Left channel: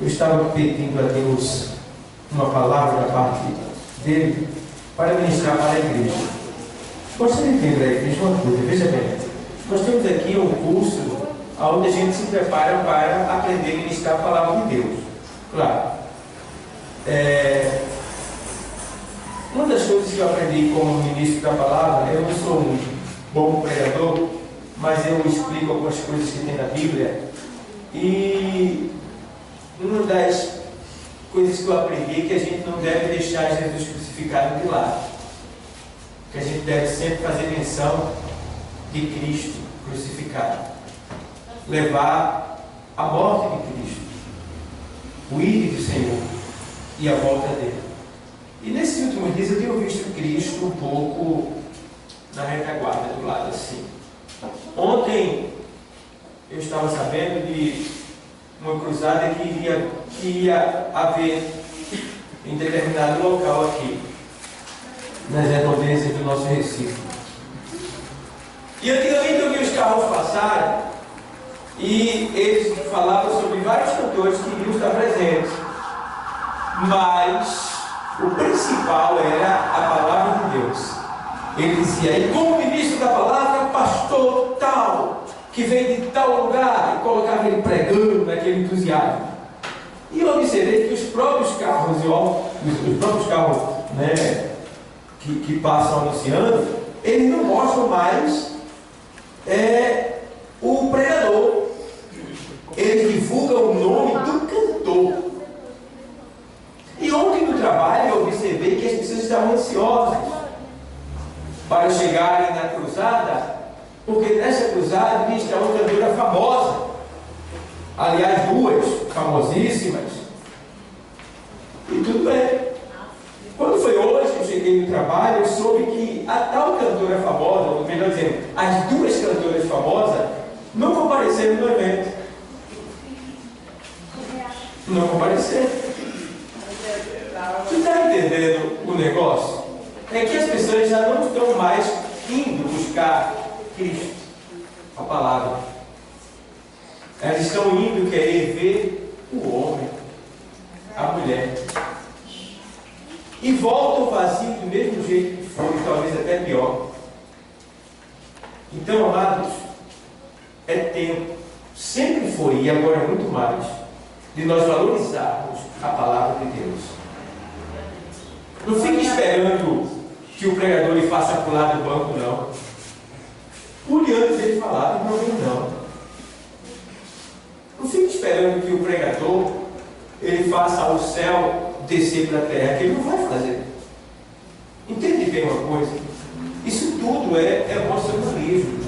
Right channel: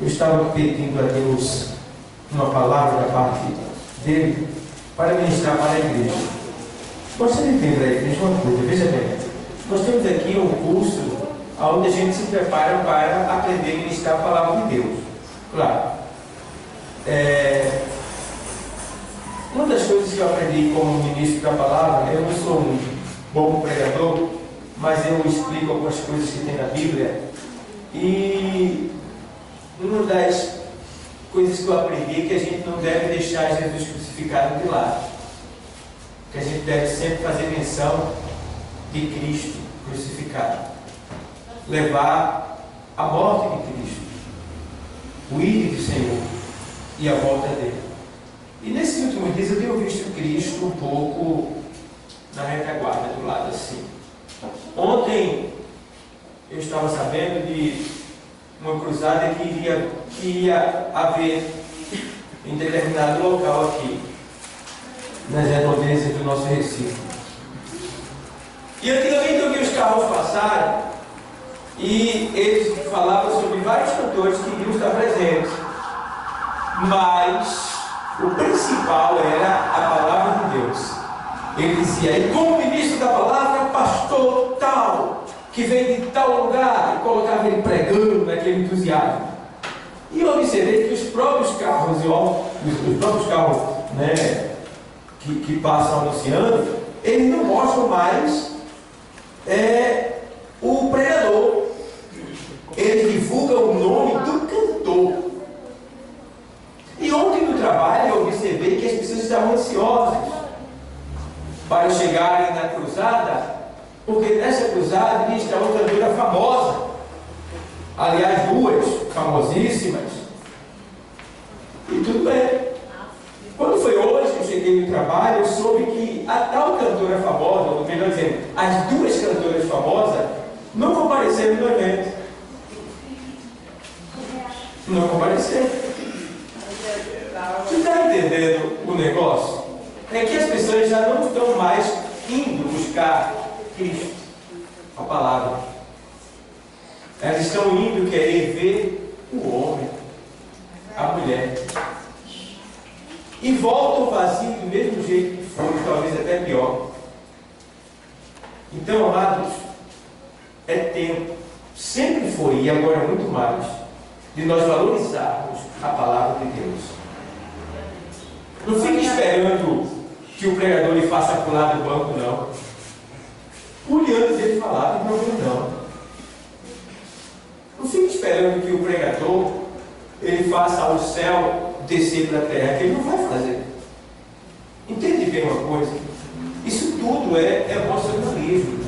eu estava pedindo a Deus uma palavra da parte dele para ministrar para a igreja. Gostaria de dizer para a igreja uma coisa, veja bem, nós temos aqui um curso onde a gente se prepara para aprender a ministrar a palavra de Deus. Claro. Uma das coisas que eu aprendi como ministro da palavra, eu não sou um bom pregador, mas eu explico algumas coisas que tem na Bíblia. E uma das coisas que eu aprendi é que a gente não deve deixar Jesus crucificado de lado. Que a gente deve sempre fazer menção de Cristo crucificado. Levar a morte de Cristo, o ir do Senhor e a volta dele. E nesses últimos dias eu tenho visto Cristo um pouco na retaguarda, do lado assim. Ontem eu estava sabendo de uma cruzada que ia haver em determinado local aqui, nas redondezas do nosso Recife. E antigamente eu vi os carros passarem e eles falavam sobre vários cantores que iriam estar presentes, mas o principal era a palavra de Deus. Ele dizia, e como ministro da palavra, pastor tal, que vem de tal lugar, e colocava ele pregando naquele entusiasmo. E eu observei que os próprios carros, né, que passam anunciando, eles não mostram mais o pregador. Eles divulgam o nome do cantor. E ontem no trabalho eu observei que as pessoas estavam ansiosas para chegarem na cruzada, porque nessa cruzada iria estar uma cantora famosa, aliás, duas famosíssimas, e tudo bem. Quando foi hoje que eu cheguei no trabalho, eu soube que a tal cantora famosa, ou melhor dizendo, as duas cantoras famosas, não compareceram no evento. Não compareceram. Você está entendendo o negócio? É que as pessoas já não estão mais indo buscar Cristo, a palavra. Elas estão indo querer ver o homem, a mulher. E voltam vazio do mesmo jeito que foi, talvez até pior. Então, amados, é tempo, sempre foi e agora muito mais, de nós valorizarmos a palavra de Deus. Não fique esperando que o pregador lhe faça pular do banco, não. Pule antes dele falar, não. Não fique esperando que o pregador ele faça o céu descer para a terra, que ele não vai fazer. Entende bem uma coisa? Isso tudo é emocionalismo.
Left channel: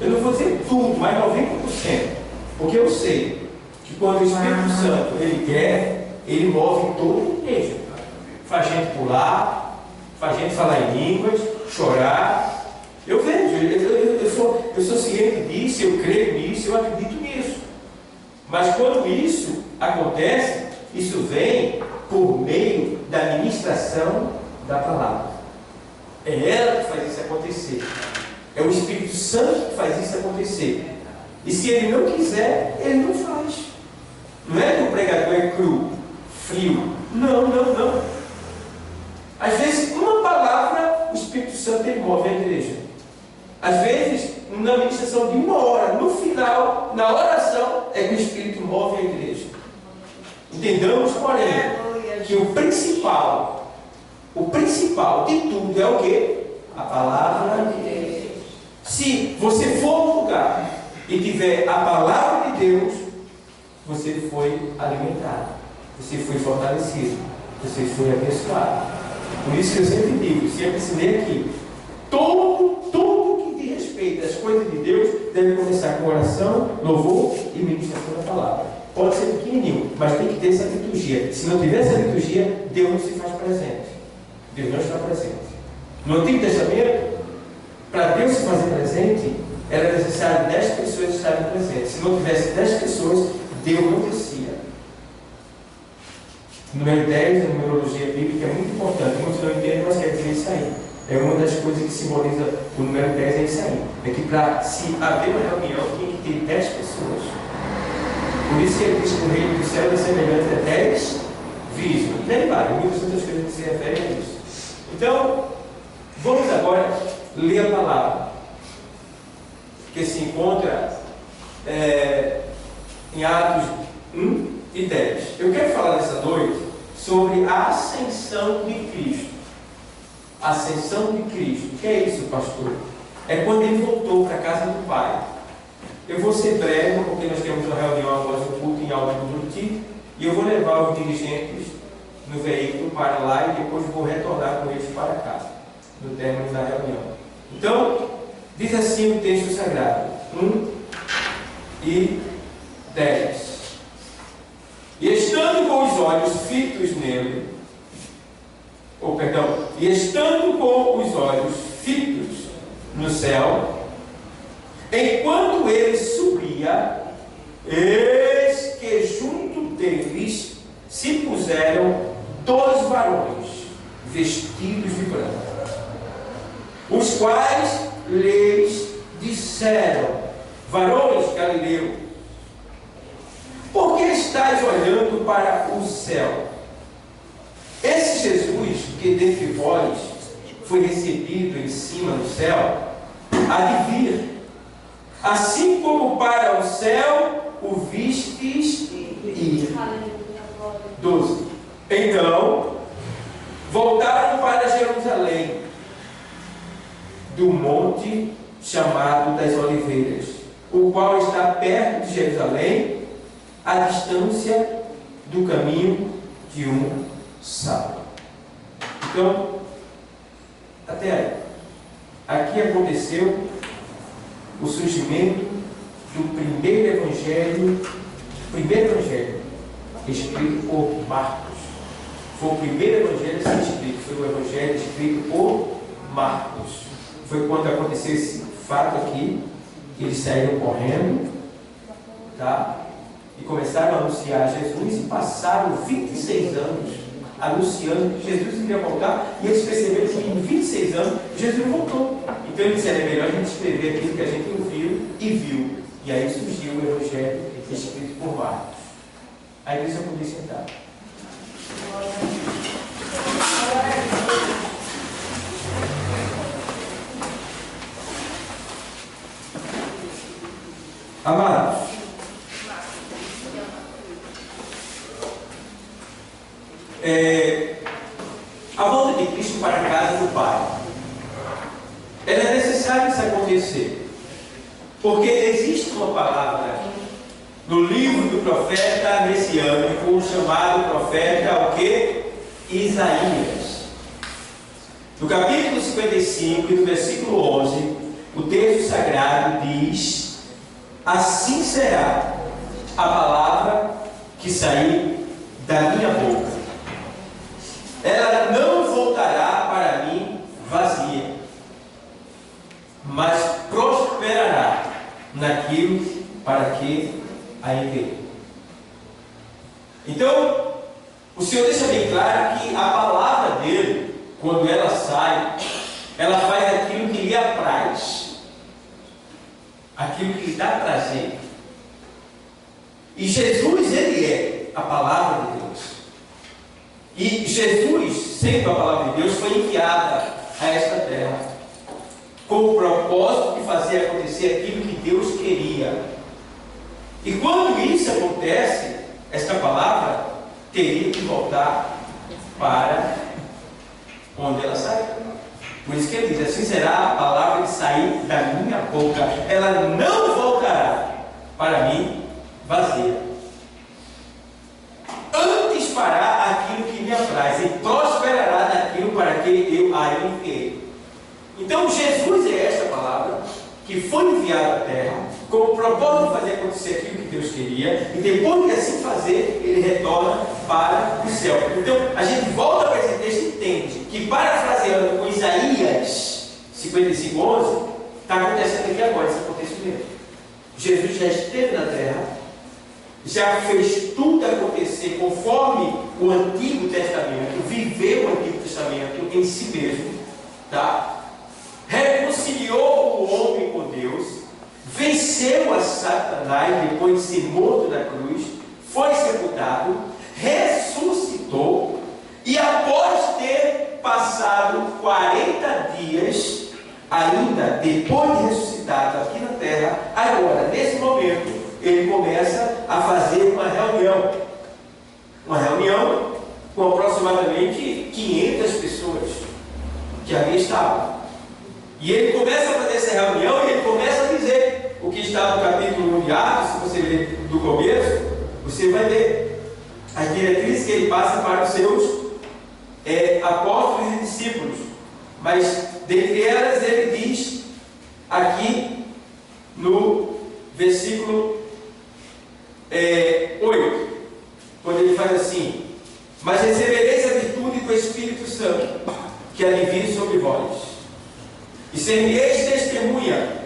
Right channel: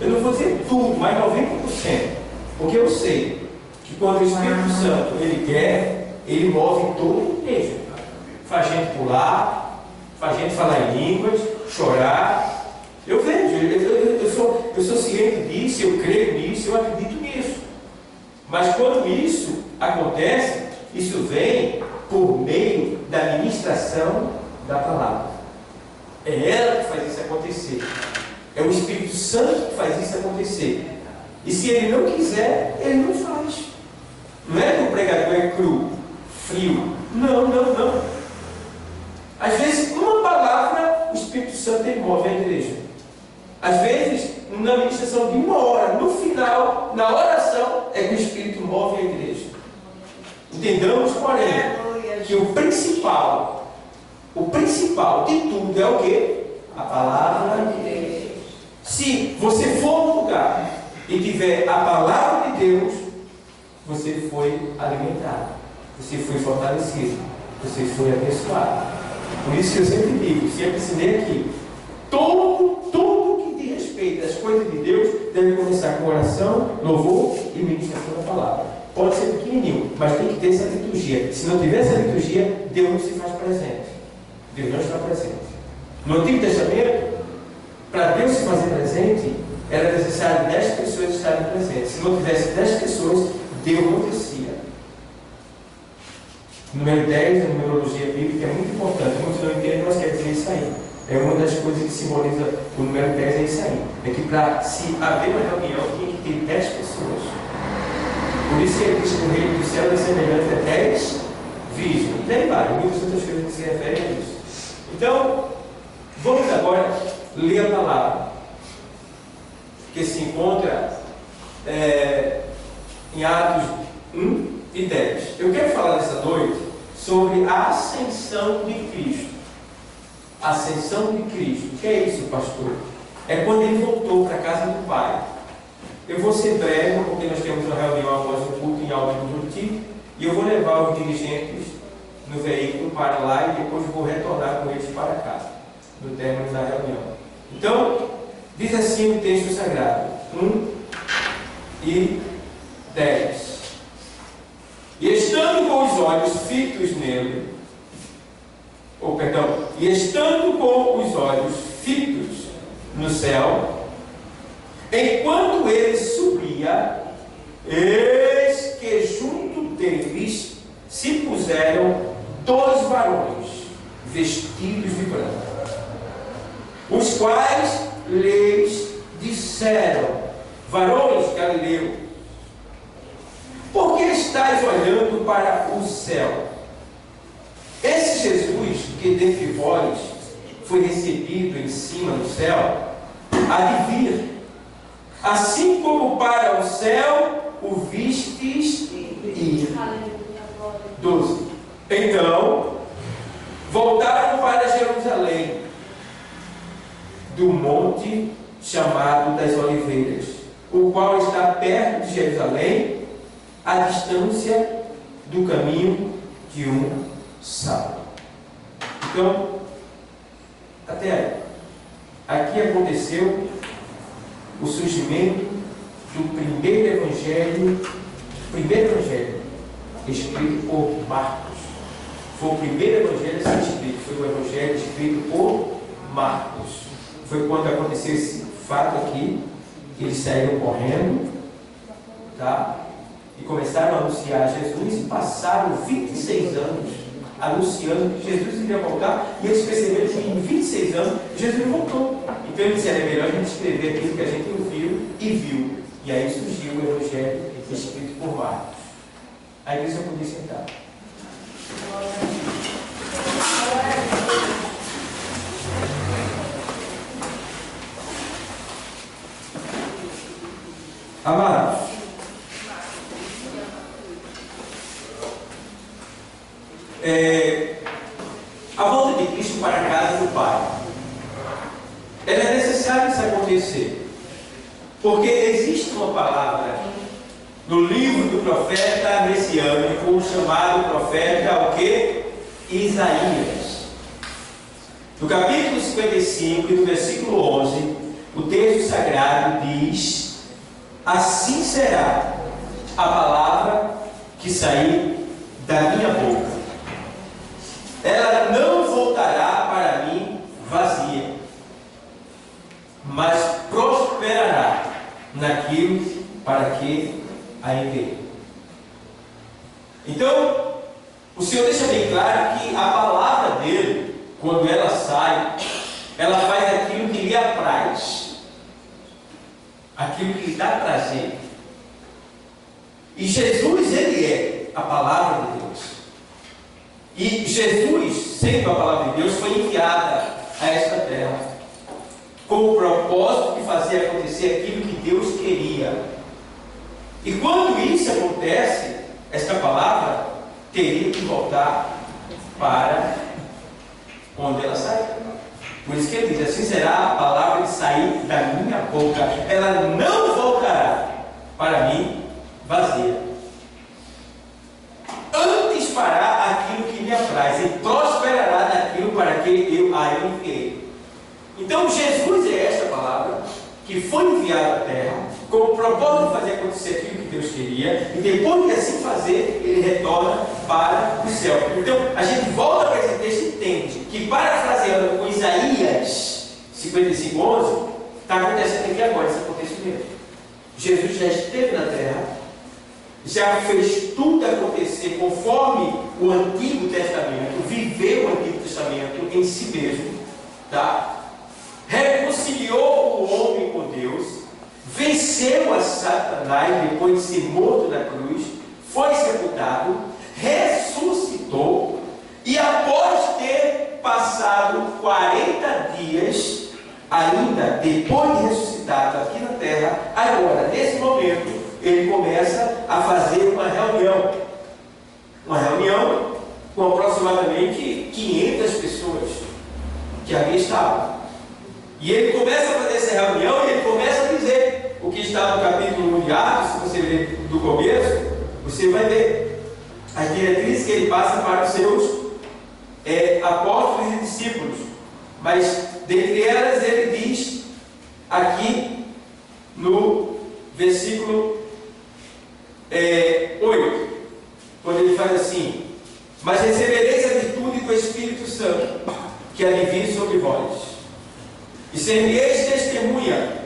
Eu não vou dizer tudo, mas 90%. Porque eu sei que quando o Espírito Santo ele quer, ele move todo o igreja. Faz gente pular, faz gente falar em línguas, chorar. Eu vejo, eu sou ciente disso, eu creio nisso, eu acredito nisso. Mas quando isso acontece, isso vem por meio da ministração da palavra. É ela que faz isso acontecer. É o Espírito Santo que faz isso acontecer. E se ele não quiser, ele não faz. Não é que o pregador é cru, frio. Não. Às vezes, uma palavra, o Espírito Santo ele move a igreja. Às vezes, na ministração de uma hora, no final, na oração, é que o Espírito move a igreja. Entendamos, porém, que o principal de tudo é o quê? A palavra de Deus. Se você for num lugar e tiver a palavra de Deus, você foi alimentado, você foi fortalecido, você foi abençoado. Por isso que eu sempre digo, sempre ensinei aqui, tudo que diz respeito às coisas de Deus deve começar com oração, louvor e ministração da palavra. Pode ser pequenininho, mas tem que ter essa liturgia. Se não tiver essa liturgia, Deus não se faz presente. Deus não está presente. No Antigo Testamento, para Deus se fazer presente, era necessário 10 pessoas estarem presentes. Se não tivesse 10 pessoas, Deus não descia. O número 10, a numerologia bíblica, é muito importante. Muitos não entendem, mas quer dizer isso aí. É uma das coisas que simboliza o número 10, é isso aí. É que para se haver uma reunião, tinha que ter 10 pessoas. Por isso que ele diz que o reino do céu é semelhante a 10 virgens. E daí vai, muitas outras coisas que se referem a isso. Então, vamos agora ler a palavra que se encontra em Atos 1 e 10. Eu quero falar nessa noite sobre a ascensão de Cristo. Ascensão de Cristo. O que é isso, pastor? É quando ele voltou para a casa do Pai. Eu vou ser breve, porque nós temos uma reunião após o culto em Alto do Buriti, e eu vou levar os dirigentes no veículo para lá e depois vou retornar com eles para casa, no término da reunião. Então, diz assim o texto sagrado, 1 e 10. E estando com os olhos fitos nele, e estando com os olhos fitos no céu, enquanto ele subia, eis que junto deles se puseram 2 varões vestidos de branco, os quais lhes disseram: varões galileus, por que estáis olhando para o céu? Esse Jesus que dentre vós foi recebido em cima do céu, há de vir, assim como para o céu o vistes ir. 12. Então voltaram para Jerusalém, do monte chamado das Oliveiras, o qual está perto de Jerusalém, à distância do caminho de um sábado. Então, até aí, aqui aconteceu o surgimento do primeiro evangelho escrito por Marcos. Foi o primeiro evangelho a ser escrito, foi o evangelho escrito por Marcos. Foi quando aconteceu esse fato aqui, que eles saíram correndo, tá? E começaram a anunciar Jesus, e passaram 26 anos anunciando que Jesus iria voltar, e eles perceberam que em 26 anos Jesus voltou. Então eles disseram: é melhor a gente escrever aquilo que a gente ouviu e viu. E aí surgiu o evangelho escrito por Marcos. A igreja podia sentar. Amados, a volta de Cristo para a casa do Pai, ela é necessário isso acontecer, porque existe uma palavra no livro do profeta messiânico, chamado profeta o quê? Isaías. No capítulo 55 e no versículo 11, o texto sagrado diz: assim será a palavra que sair da minha boca, ela não voltará para mim vazia, mas prosperará naquilo para que a enviei. Então, o Senhor deixa bem claro que a palavra dele, quando ela sai, ela faz aquilo que lhe apraz, aquilo que lhe dá prazer. E Jesus, ele é a palavra de Deus. E Jesus, sendo a palavra de Deus, foi enviada a esta terra com o propósito de fazer acontecer aquilo que Deus queria. E quando isso acontece, esta palavra teria que voltar para onde ela saiu. Por isso que ele diz: assim será a palavra que sair da minha boca, ela não voltará para mim vazia, antes fará aquilo que me apraz e prosperará naquilo para que eu a enviei. Então Jesus é esta palavra que foi enviada à terra com o propósito de fazer acontecer aquilo que Deus queria, e depois de assim fazer, ele retorna para o céu. Então a gente volta para esse texto e entende que, parafraseando com Isaías 55:11, está acontecendo aqui agora esse acontecimento. Jesus já esteve na terra, já fez tudo acontecer conforme o Antigo Testamento, viveu o Antigo Testamento em si mesmo, tá? Reconciliou o homem com Deus, venceu a Satanás depois de ser morto na cruz, foi sepultado, ressuscitou, e após ter passado 40 dias, ainda depois de ressuscitado aqui na terra, agora, nesse momento, ele começa a fazer uma reunião com aproximadamente 500 pessoas que ali estavam. E ele começa a fazer essa reunião e ele começa a dizer o que está no capítulo 1 de Atos. Se você ler do começo, você vai ver as diretrizes que ele passa para os seus apóstolos e discípulos. Mas dentre elas ele diz aqui no versículo 8, quando ele faz assim: mas recebereis a virtude do Espírito Santo, que há de vir sobre vós, e sereis testemunha,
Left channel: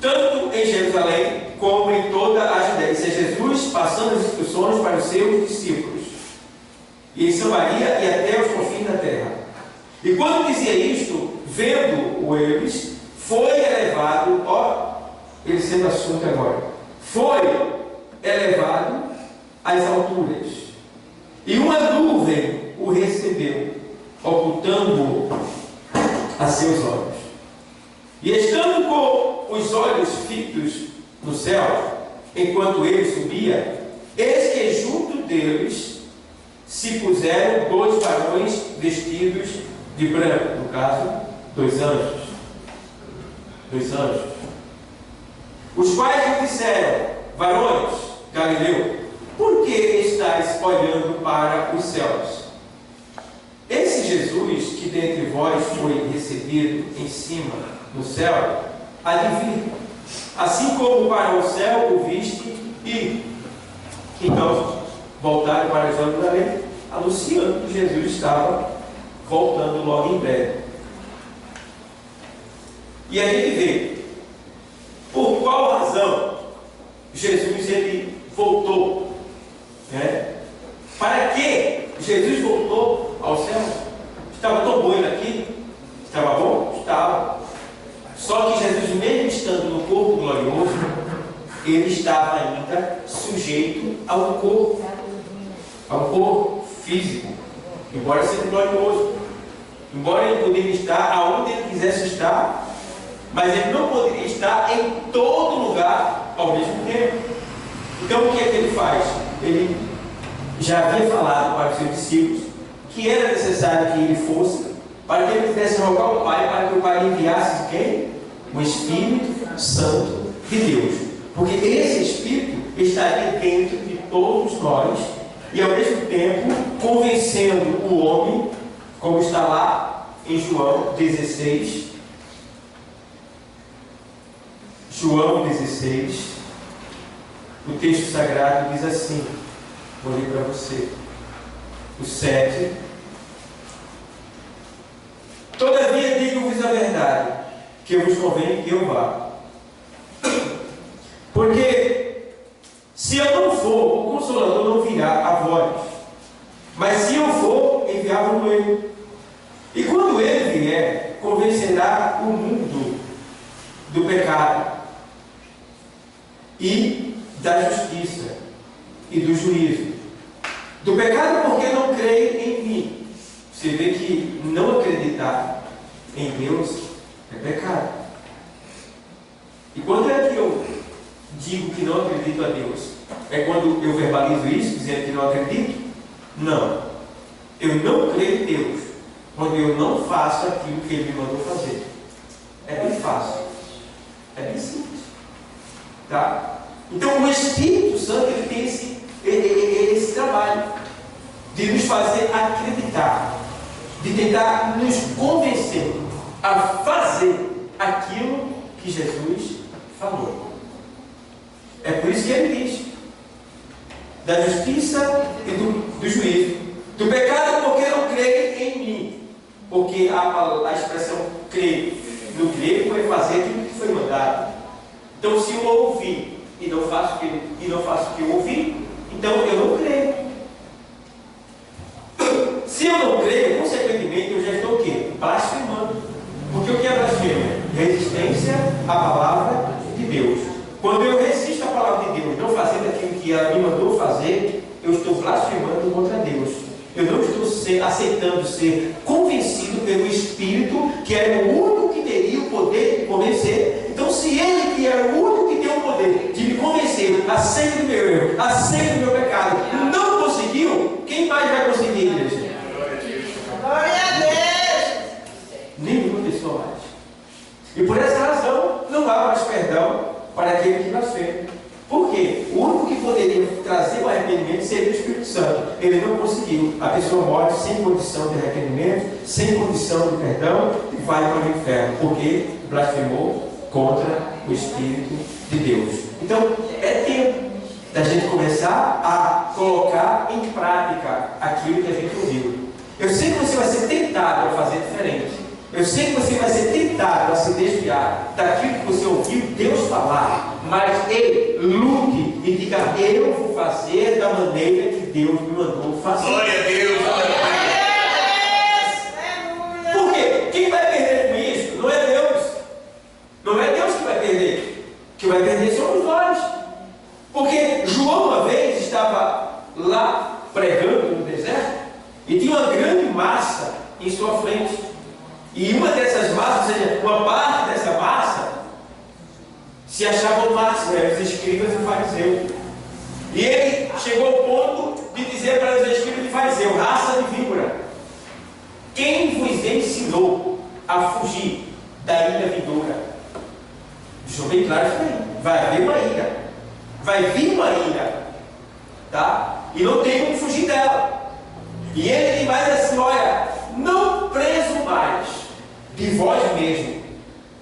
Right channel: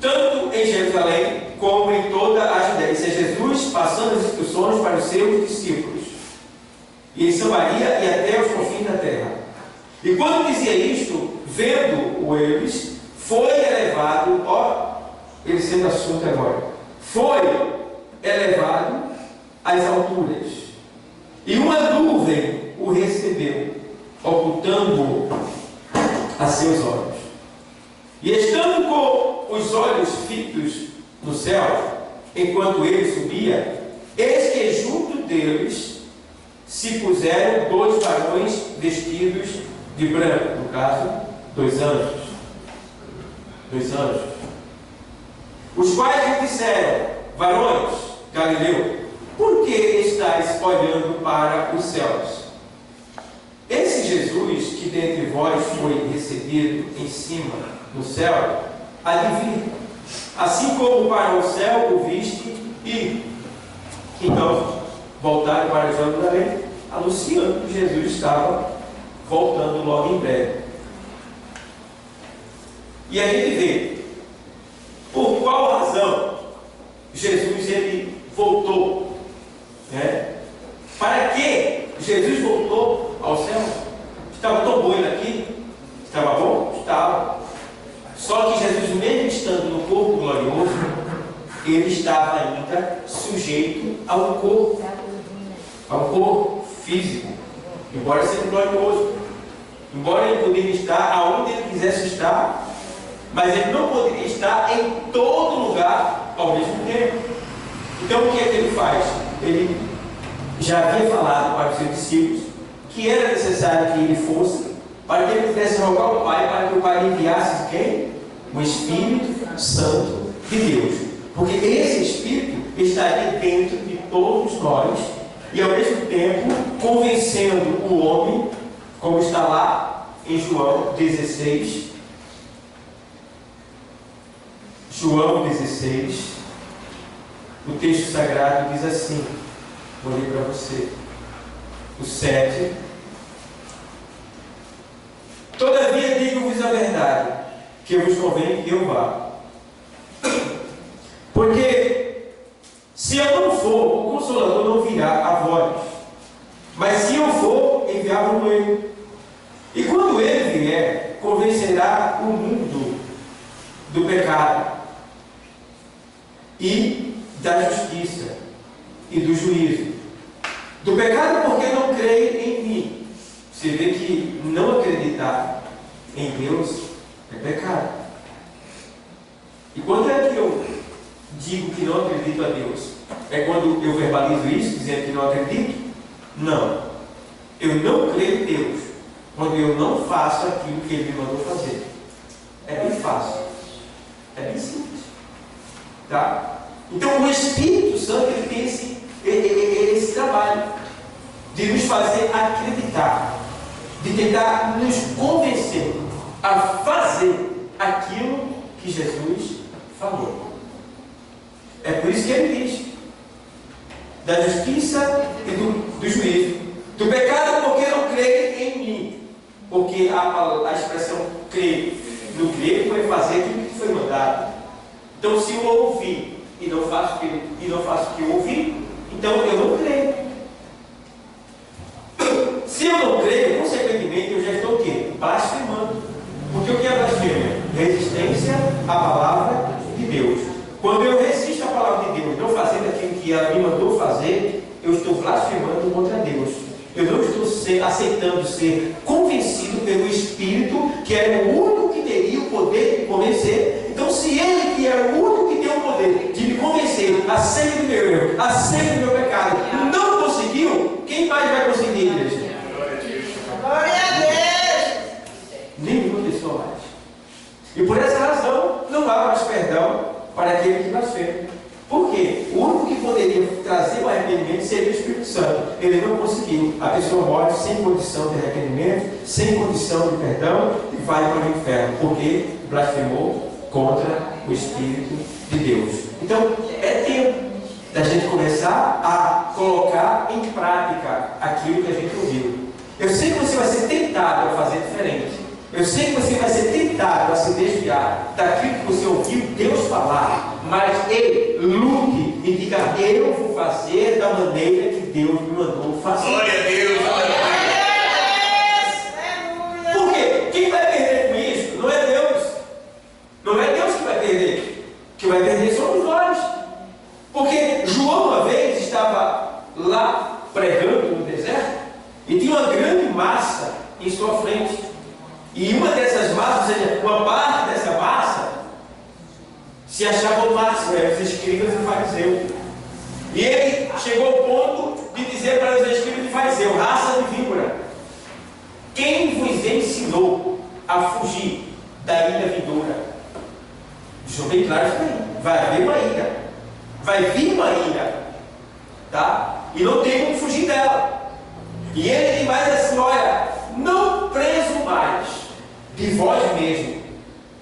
tanto em Jerusalém como em toda a Judéia. Isso é Jesus passando as instruções para os seus discípulos, e em Samaria e até os confins da terra. E quando dizia isto, vendo-o eles, foi elevado, ele sendo assunto agora, foi elevado às alturas, e uma nuvem o recebeu, ocultando-o a seus olhos. E estando com os olhos fitos no céu, enquanto ele subia, eis que junto deles se puseram 2 varões vestidos de branco, no caso, 2 anjos. 2 anjos. Os quais lhe disseram: varões, Galileu, por que estáis olhando para os céus? Esse Jesus que dentre vós foi recebido em cima no céu, há de vir, assim como para o céu o viste ir. Então voltaram para Jerusalém, anunciando que Jesus estava voltando logo em breve. E a gente vê por qual razão Jesus ele voltou, né? Para que Jesus voltou ao céu? Estava tão bom ele aqui? Estava bom? Estava. Só que Jesus, mesmo estando no corpo glorioso, ele estava ainda sujeito ao corpo físico, embora sendo glorioso, embora ele poderia estar aonde ele quisesse estar, mas ele não poderia estar em todo lugar ao mesmo tempo. Então o que é que ele faz? Ele já havia falado para os seus discípulos que era necessário que ele fosse, para que ele pudesse rogar ao Pai, para que o Pai enviasse quem? O Espírito Santo de Deus. Porque esse Espírito estaria dentro de todos nós e ao mesmo tempo convencendo o homem, como está lá em João 16. João 16, o texto sagrado diz assim, vou ler para você, o 7. Todavia digo-vos a verdade, que vos convém que eu vá. Porque se eu não for, o Consolador não virá a vós. Mas se eu for, enviar-vos ele. E quando ele vier, convencerá o mundo do pecado e da justiça e do juízo. Do pecado porque não creem em mim. Você vê que não acreditar em Deus é pecado. E quando é que eu digo que não acredito a Deus? É quando eu verbalizo isso, dizendo que não acredito? Não. Eu não creio em Deus quando eu não faço aquilo que Ele me mandou fazer. É bem fácil. É bem simples. Tá? Então o Espírito Santo ele tem esse trabalho de nos fazer acreditar, de tentar nos convencer a fazer aquilo que Jesus falou. É por isso que ele diz da justiça e do juízo, do pecado porque não creem em mim, porque a expressão crer no grego é fazer aquilo que foi mandado. Então se eu ouvir e não faço o que eu ouvi, então eu não creio. Se eu não creio, consequentemente eu já estou o quê? Blasfemando. Porque o que é blasfêmia? Resistência Quando eu resisto à palavra de Deus, não fazendo aquilo que ela me mandou fazer, eu estou blasfemando contra Deus. Eu não estou aceitando ser convencido pelo Espírito, que era o único que teria o poder de me convencer. Então, se Ele, que era o único que tem o poder de me convencer acerca do meu erro, acerca do meu pecado, não conseguiu, quem mais vai conseguir, igreja? Glória a Deus! Nenhuma pessoa mais. E por essa razão, não há mais perdão para aquele que blasfema. Por quê? O único que poderia trazer o arrependimento seria o Espírito Santo. Ele não conseguiu. A pessoa morre sem condição de arrependimento, sem condição de perdão e vai para o inferno, porque blasfemou contra o Espírito de Deus. Então, é tempo da gente começar a colocar em prática aquilo que a gente ouviu. Eu sei que você vai ser tentado a fazer diferente. Eu sei que você vai ser tentado a se desviar daquilo que você ouviu Deus falar, mas lute e diga: eu vou fazer da maneira que Deus me mandou fazer. Glória a Deus! Por quê? Quem vai perder com isso não é Deus. Não é Deus que vai perder. Quem vai perder somos nós. Porque João uma vez estava lá pregando no deserto e tinha uma grande massa em sua frente. E uma dessas massas, ou seja, uma parte dessa massa, se achava o máximo, eram os escribas e fariseus. E ele chegou ao ponto de dizer para os escribas e fariseus: raça de víbora, quem vos ensinou a fugir da ira vindoura? Deixou bem claro isso aí. Vai haver uma ira, vai vir uma ira, tá? E não tem como fugir dela. E ele diz mais assim: olha, não presumais de vós mesmo,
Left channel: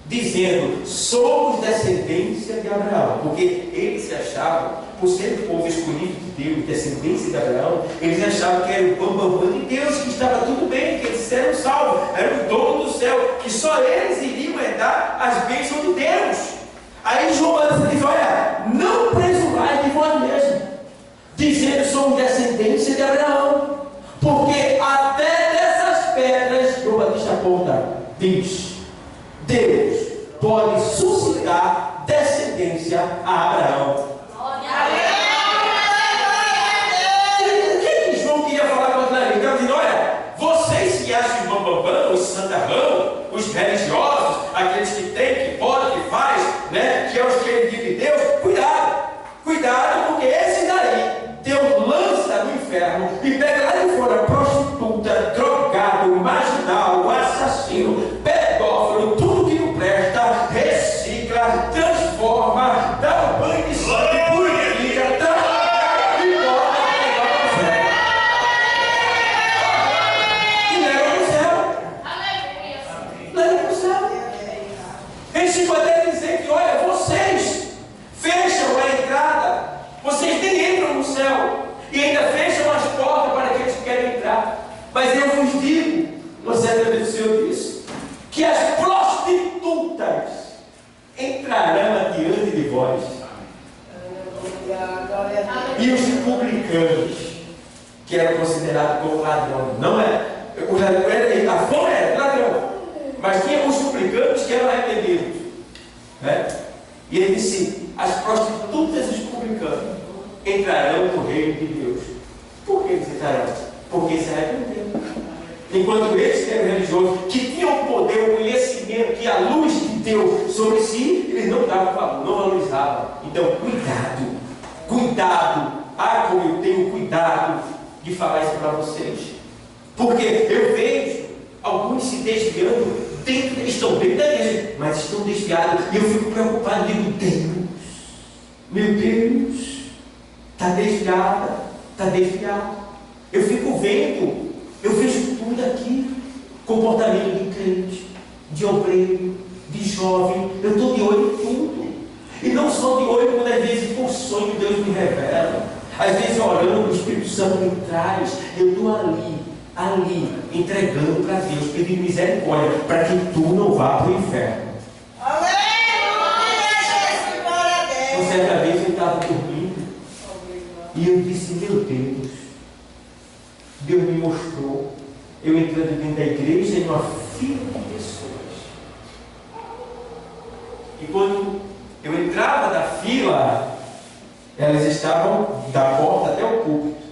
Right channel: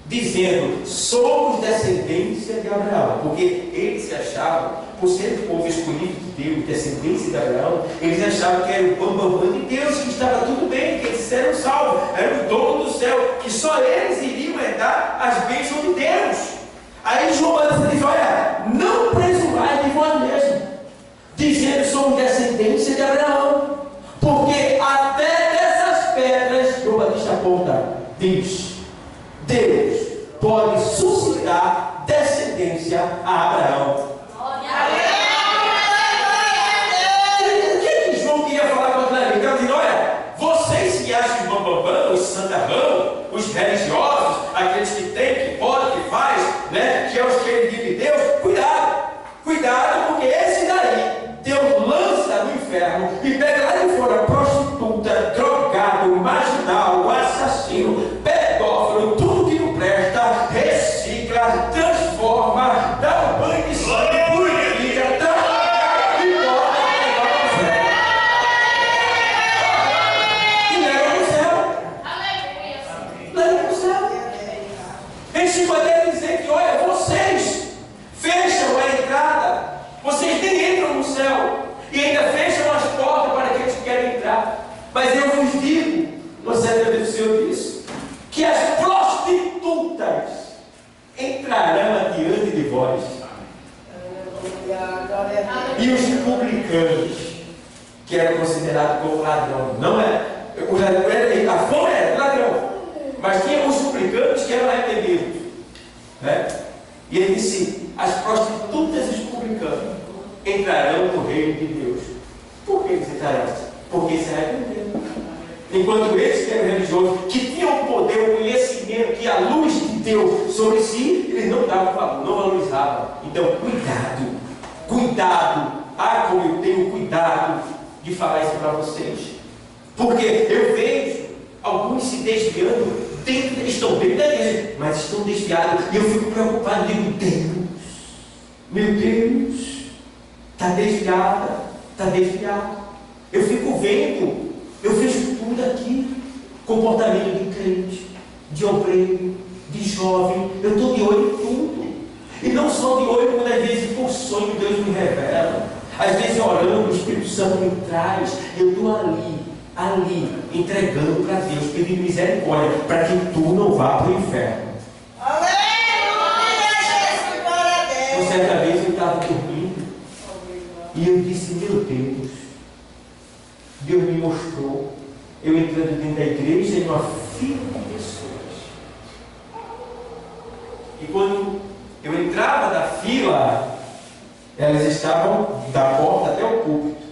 dizendo: somos descendência de Abraão. Porque eles se achavam, por ser o povo escolhido de Deus, descendência de Abraão, eles achavam que era o bambambam de Deus, que estava tudo bem, que eles eram salvos, eram o dono do céu, que só eles iriam herdar as bênçãos de Deus. Aí João diz: olha, não presumais de vós mesmo, dizendo: somos descendência de Abraão. Porque até dessas pedras, João Batista aponta, diz: Deus pode suscitar descendência a Abraão. O que João queria falar contra ele? Ele dizendo: olha, vocês que acham bambambam, os santarrão, os religiosos, aqueles que têm, que podem, que faz, né, que é os queridos de Deus, cuidado, porque esse daí Deus lança no inferno e pega lá de fora prostituta, drogado, marginal, assassino, pedófilo, tudo que não presta, recicla, transforma, dá um banho de sangue, purifica, transforma e bota no céu. E leva para o céu. Leva para o céu. Eles se podem dizer que, olha, vocês fecham a entrada, vocês nem entram no céu e ainda fecham as portas para aqueles que querem entrar. Mas eu vos digo, uma certa vez o Senhor disse, que as prostitutas entrarão adiante de vós, e os publicanos, que eram considerados como ladrão, não é? A fome era ladrão, mas tinha os publicanos que eram arrependidos, né? E ele disse: as prostitutas e os publicanos entrarão no reino de Deus. Por que eles entrarão? Porque se arrependeram. Enquanto eles, que eram religiosos, que tinham o poder, o conhecimento, que a luz de Deus sobre si, eles não davam valor, não valorizavam. Então, cuidado. Ah, como eu tenho cuidado de falar isso para vocês. Porque eu vejo alguns se desviando, estão dentro da igreja, mas estão desviados. E eu fico preocupado, digo: meu Deus, está desviado. Eu fico vendo, eu vejo tudo aqui: comportamento de crente, de obreiro, de jovem. Eu estou de olho em tudo. E não só de olho, quando às vezes por sonho Deus me revela, às vezes orando, o Espírito Santo me traz. Eu estou ali, entregando para Deus, pedindo misericórdia, para que tu não vá para o inferno. Uma certa vez eu estava dormindo e eu disse: meu Deus, Deus me mostrou eu entrando dentro da igreja em uma fila de pessoas. E quando Eu entrava na fila, elas estavam da porta até o púlpito.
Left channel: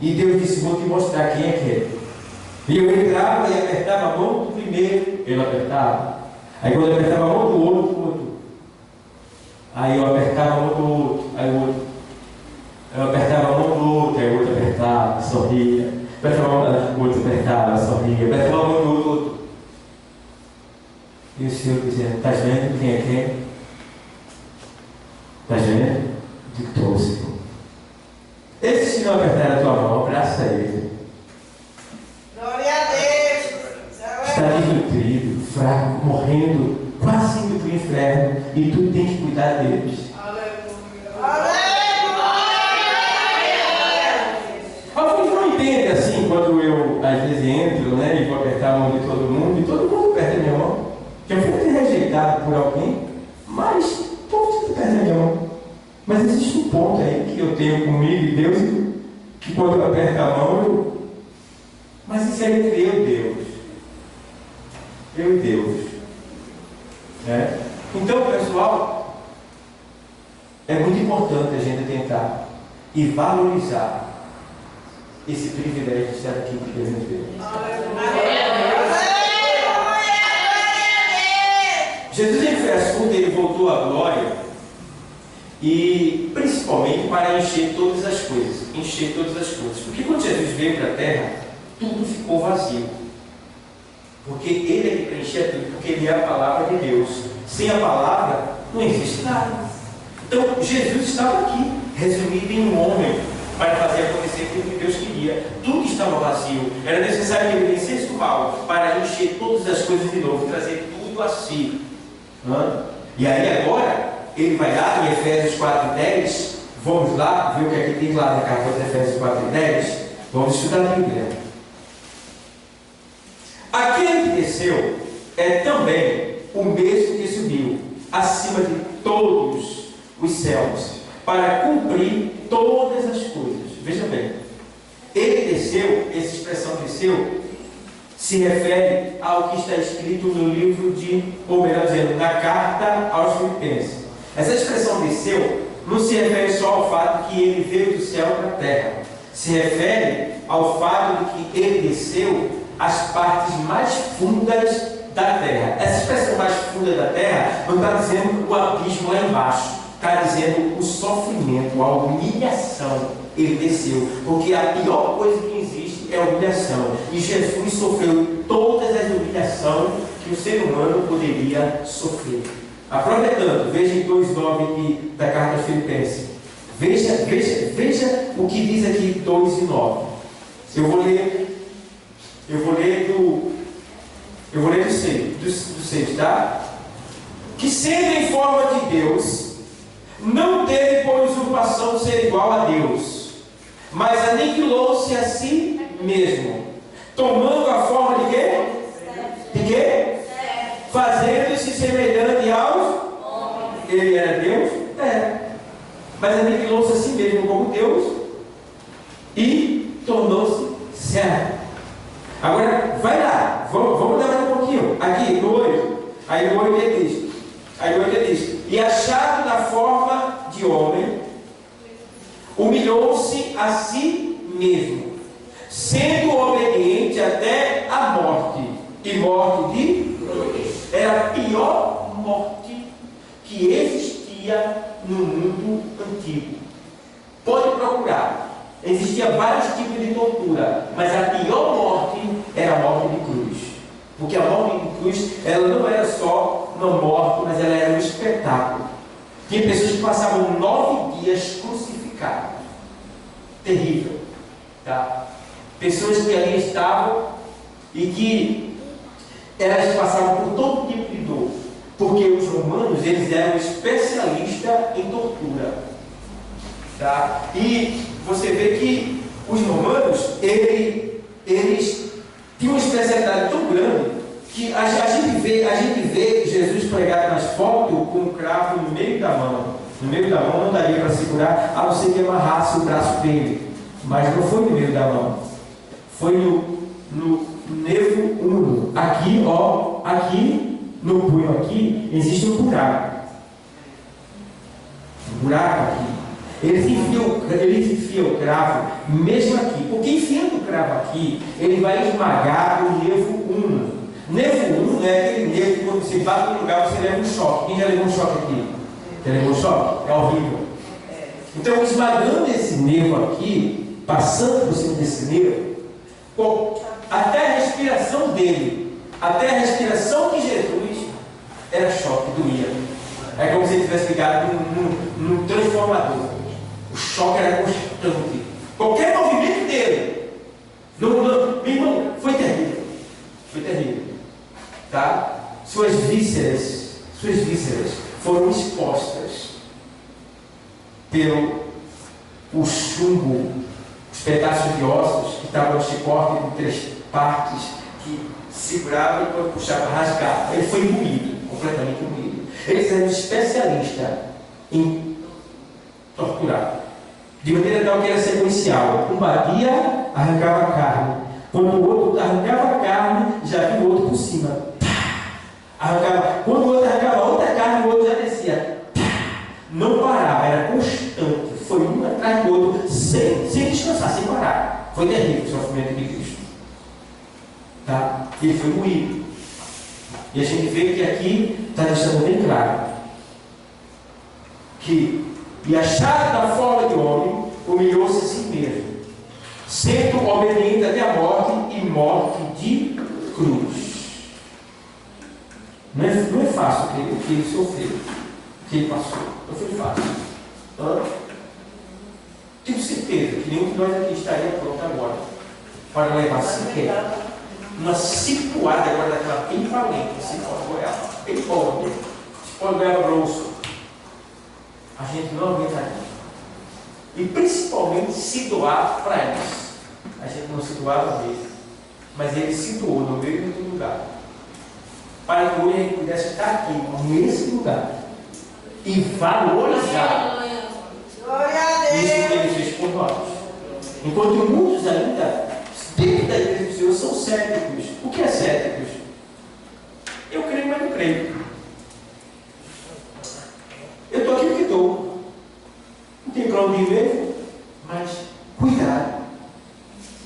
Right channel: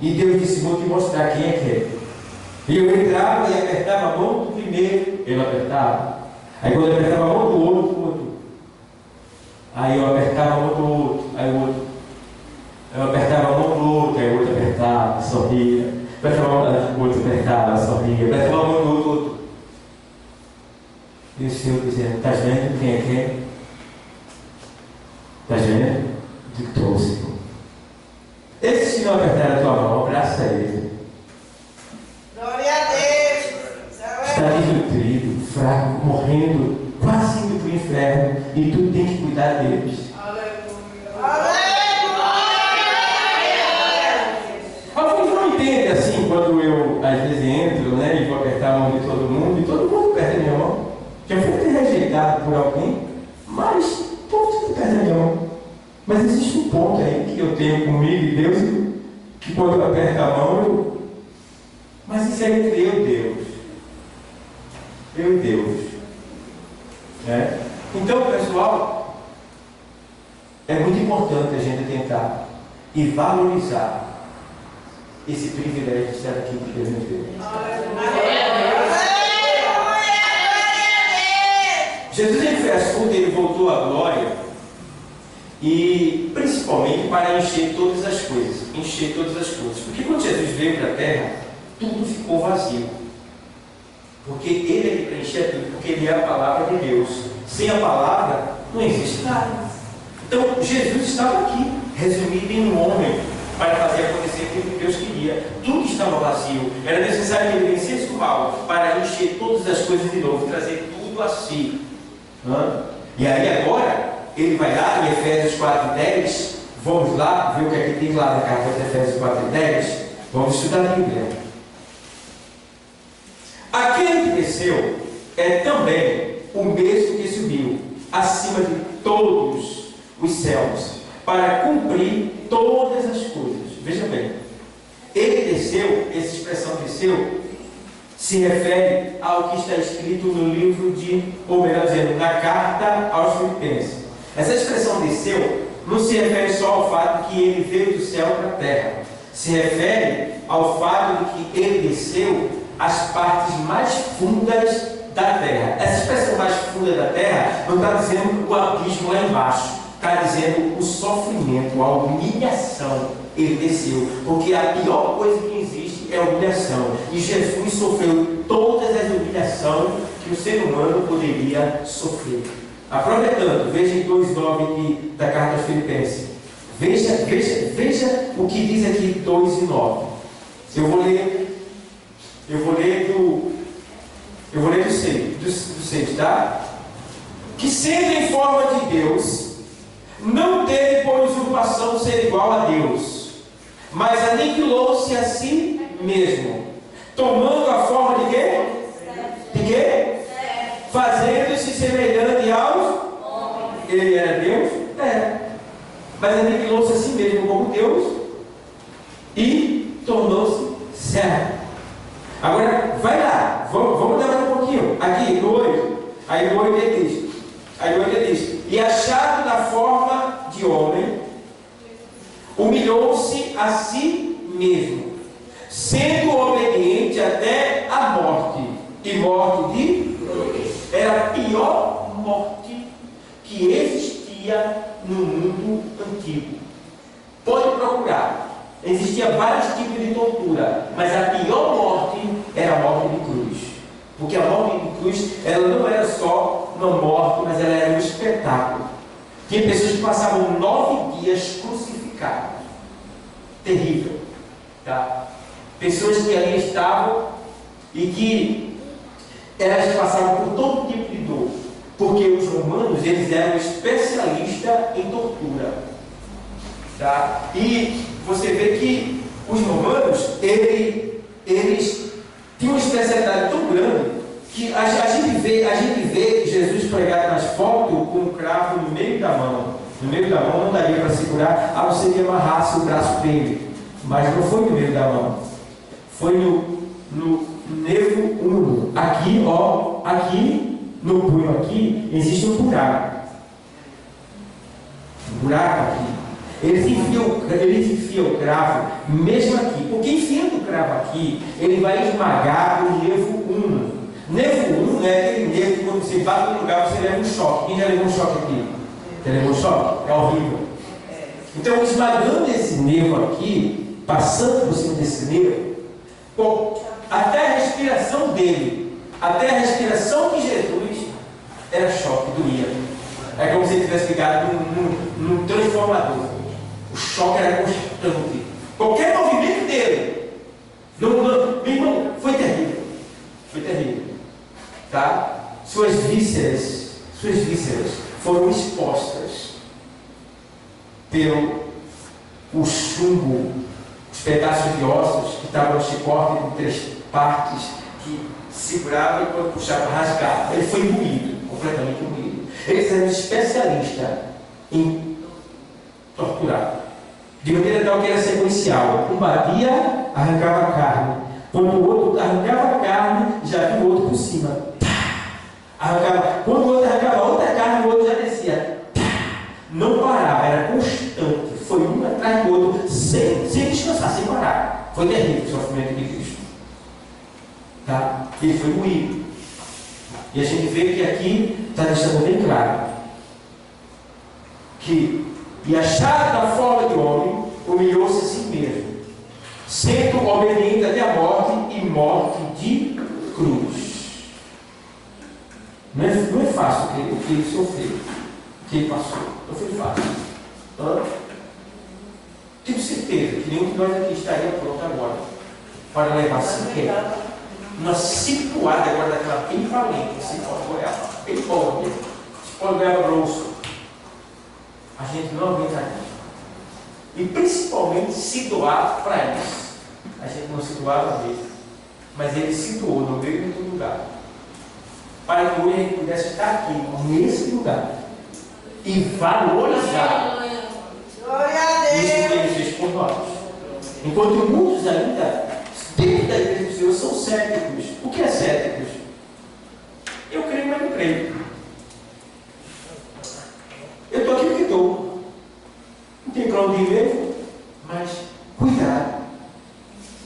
E Deus disse: vou te mostrar quem é que é. E eu entrava e apertava a mão do primeiro, ele apertava. Aí quando eu apertava a mão do outro, o outro. Aí eu apertava a mão do outro, aí o outro. Eu apertava a mão do outro, aí o outro apertava, sorria. Apertava a mão do outro, apertava, sorria. Apertava a mão do outro. E o Senhor dizia: estás vendo quem é quem? Estás vendo? Dictou, Senhor. Esse Senhor apertar a tua mão, abraça ele. Glória a Deus. Está desnutrido, fraco, morrendo, quase indo para o inferno, e tu tem que cuidar deles. Aleluia. Alguns não entendem assim, quando eu às vezes entro, né, e vou apertar a mão de todo mundo, e todo mundo aperta a minha mão. Já fui até rejeitado por alguém, mas o povo aperta a minha mão. Mas existe um ponto aí que eu tenho comigo e Deus, que quando eu aperto a mão, mas isso é entre eu e Deus. Eu e Deus. Né? Então, pessoal, é muito importante a gente tentar e valorizar esse privilégio de estar aqui que Deus nos deu. Jesus, ele foi assunto, ele voltou à glória, e principalmente para encher todas as coisas. Encher todas as coisas. Porque quando Jesus veio para a terra, tudo ficou vazio. Porque ele é que preenchia tudo, porque ele é a palavra de Deus. Sem a palavra, não existe nada. Então, Jesus estava aqui, resumido em um homem, para fazer acontecer aquilo que Deus queria. Tudo estava vazio. Era necessário que ele vencesse o mal, para encher todas as coisas de novo, trazer tudo a si. E aí agora, ele vai lá em Efésios 4:10, vamos lá ver o que é que tem lá na carta de Efésios 4:10, vamos estudar a Bíblia. Aquele que desceu é também o mesmo que subiu acima de todos os céus, para cumprir todas as coisas. Veja bem, ele desceu, essa expressão desceu, se refere ao que está escrito no livro ou melhor dizendo, na carta aos Filipenses. Essa expressão desceu não se refere só ao fato de que ele veio do céu para a terra. Se refere ao fato de que ele desceu às partes mais fundas da terra. Essa expressão mais funda da terra não está dizendo o abismo lá embaixo. Está dizendo o sofrimento, a humilhação. Ele desceu. Porque a pior coisa que existe é a humilhação. E Jesus sofreu todas as humilhações que o ser humano poderia sofrer. Aproveitando, veja em 2:9 aqui da carta aos Filipenses. Veja o que diz aqui 2:9. Eu vou ler do 6, tá? Que sendo em forma de Deus, não teve por usurpação ser igual a Deus, mas aniquilou-se a si mesmo, tomando a forma de quê? De quê? Fazendo-se semelhante aos homens. Ele era Deus? Mas aniquilou-se a si mesmo como Deus e tornou-se servo. Agora, vai lá, vamos dar mais um pouquinho. Aqui, no 8. Aí no 8 ele diz: e achado na forma de homem, humilhou-se a si mesmo, sendo obediente até a morte, e morte de cruz. Era a pior morte que existia no mundo antigo. Pode procurar. Existia vários tipos de tortura, mas a pior morte era a morte de cruz. Porque a morte de cruz, ela não era só uma morte, mas ela era um espetáculo. Tinha pessoas que passavam 9 dias crucificadas. Terrível. Tá? Pessoas que ali estavam e que elas passavam por todo tipo de dor. Porque os romanos, eles eram especialistas em tortura. Tá? E você vê que os romanos, eles tinham uma especialidade tão grande que a gente vê Jesus pregado nas fotos com um cravo no meio da mão. No meio da mão não daria para segurar, a não ser que amarrasse o braço dele. Mas não foi no meio da mão. Foi no nervo úmero. Aqui, ó, aqui no punho aqui existe um buraco. buraco aqui. Ele enfia o cravo mesmo aqui. Porque enfiando o cravo aqui, ele vai esmagar o nervo 1. Nervo 1 é aquele nervo que quando você bate no lugar você leva um choque. Quem já levou um choque aqui? Já levou um choque? É horrível. Então, esmagando esse nervo aqui, passando por cima desse nervo, até a respiração dele, até a respiração de Jesus, era choque, doía. É como se ele tivesse ligado num transformador. O choque era constante. Qualquer movimento dele, meu irmão, foi terrível. Foi terrível. Tá? Suas vísceras foram expostas pelo chumbo, os pedaços de ossos que estavam no chicote em 3 partes, que segurava e quando puxava, rasgava. Ele foi moído, completamente moído. Eles eram especialistas em torturar. De maneira tal que era sequencial. Um batia, arrancava a carne. Quando o outro arrancava a carne, já vinha o outro por cima. Arrancava. Quando o outro arrancava outra carne, o outro já descia. Não parava, era constante. Foi um atrás do outro, sem descansar, sem parar. Foi terrível o sofrimento de Cristo. Tá? Ele foi moído. E a gente vê que aqui está deixando bem claro que, e achado da forma de homem, humilhou-se a si mesmo, sendo obediente até a morte e morte de cruz. Não é fácil o que ele sofreu, o que ele passou. Não foi fácil. Tenho certeza que nenhum de nós aqui estaria pronto agora para levar sequer uma cipuada agora daquela bem valente, cipó de goiaba, bem boa mesmo, cipó de goiaba grosso. A gente não aguentaria. E principalmente se doar para eles. A gente não se doava mesmo, mas ele se doou no meio do lugar, para que hoje a gente pudesse estar aqui, nesse lugar, e valorizar isso que ele fez por nós. Enquanto muitos ainda, dentro da igreja do Senhor, são céticos. O que é céticos? Eu creio, mas não creio. Eu estou aqui porque estou. Não tem para onde ir mesmo, mas cuidado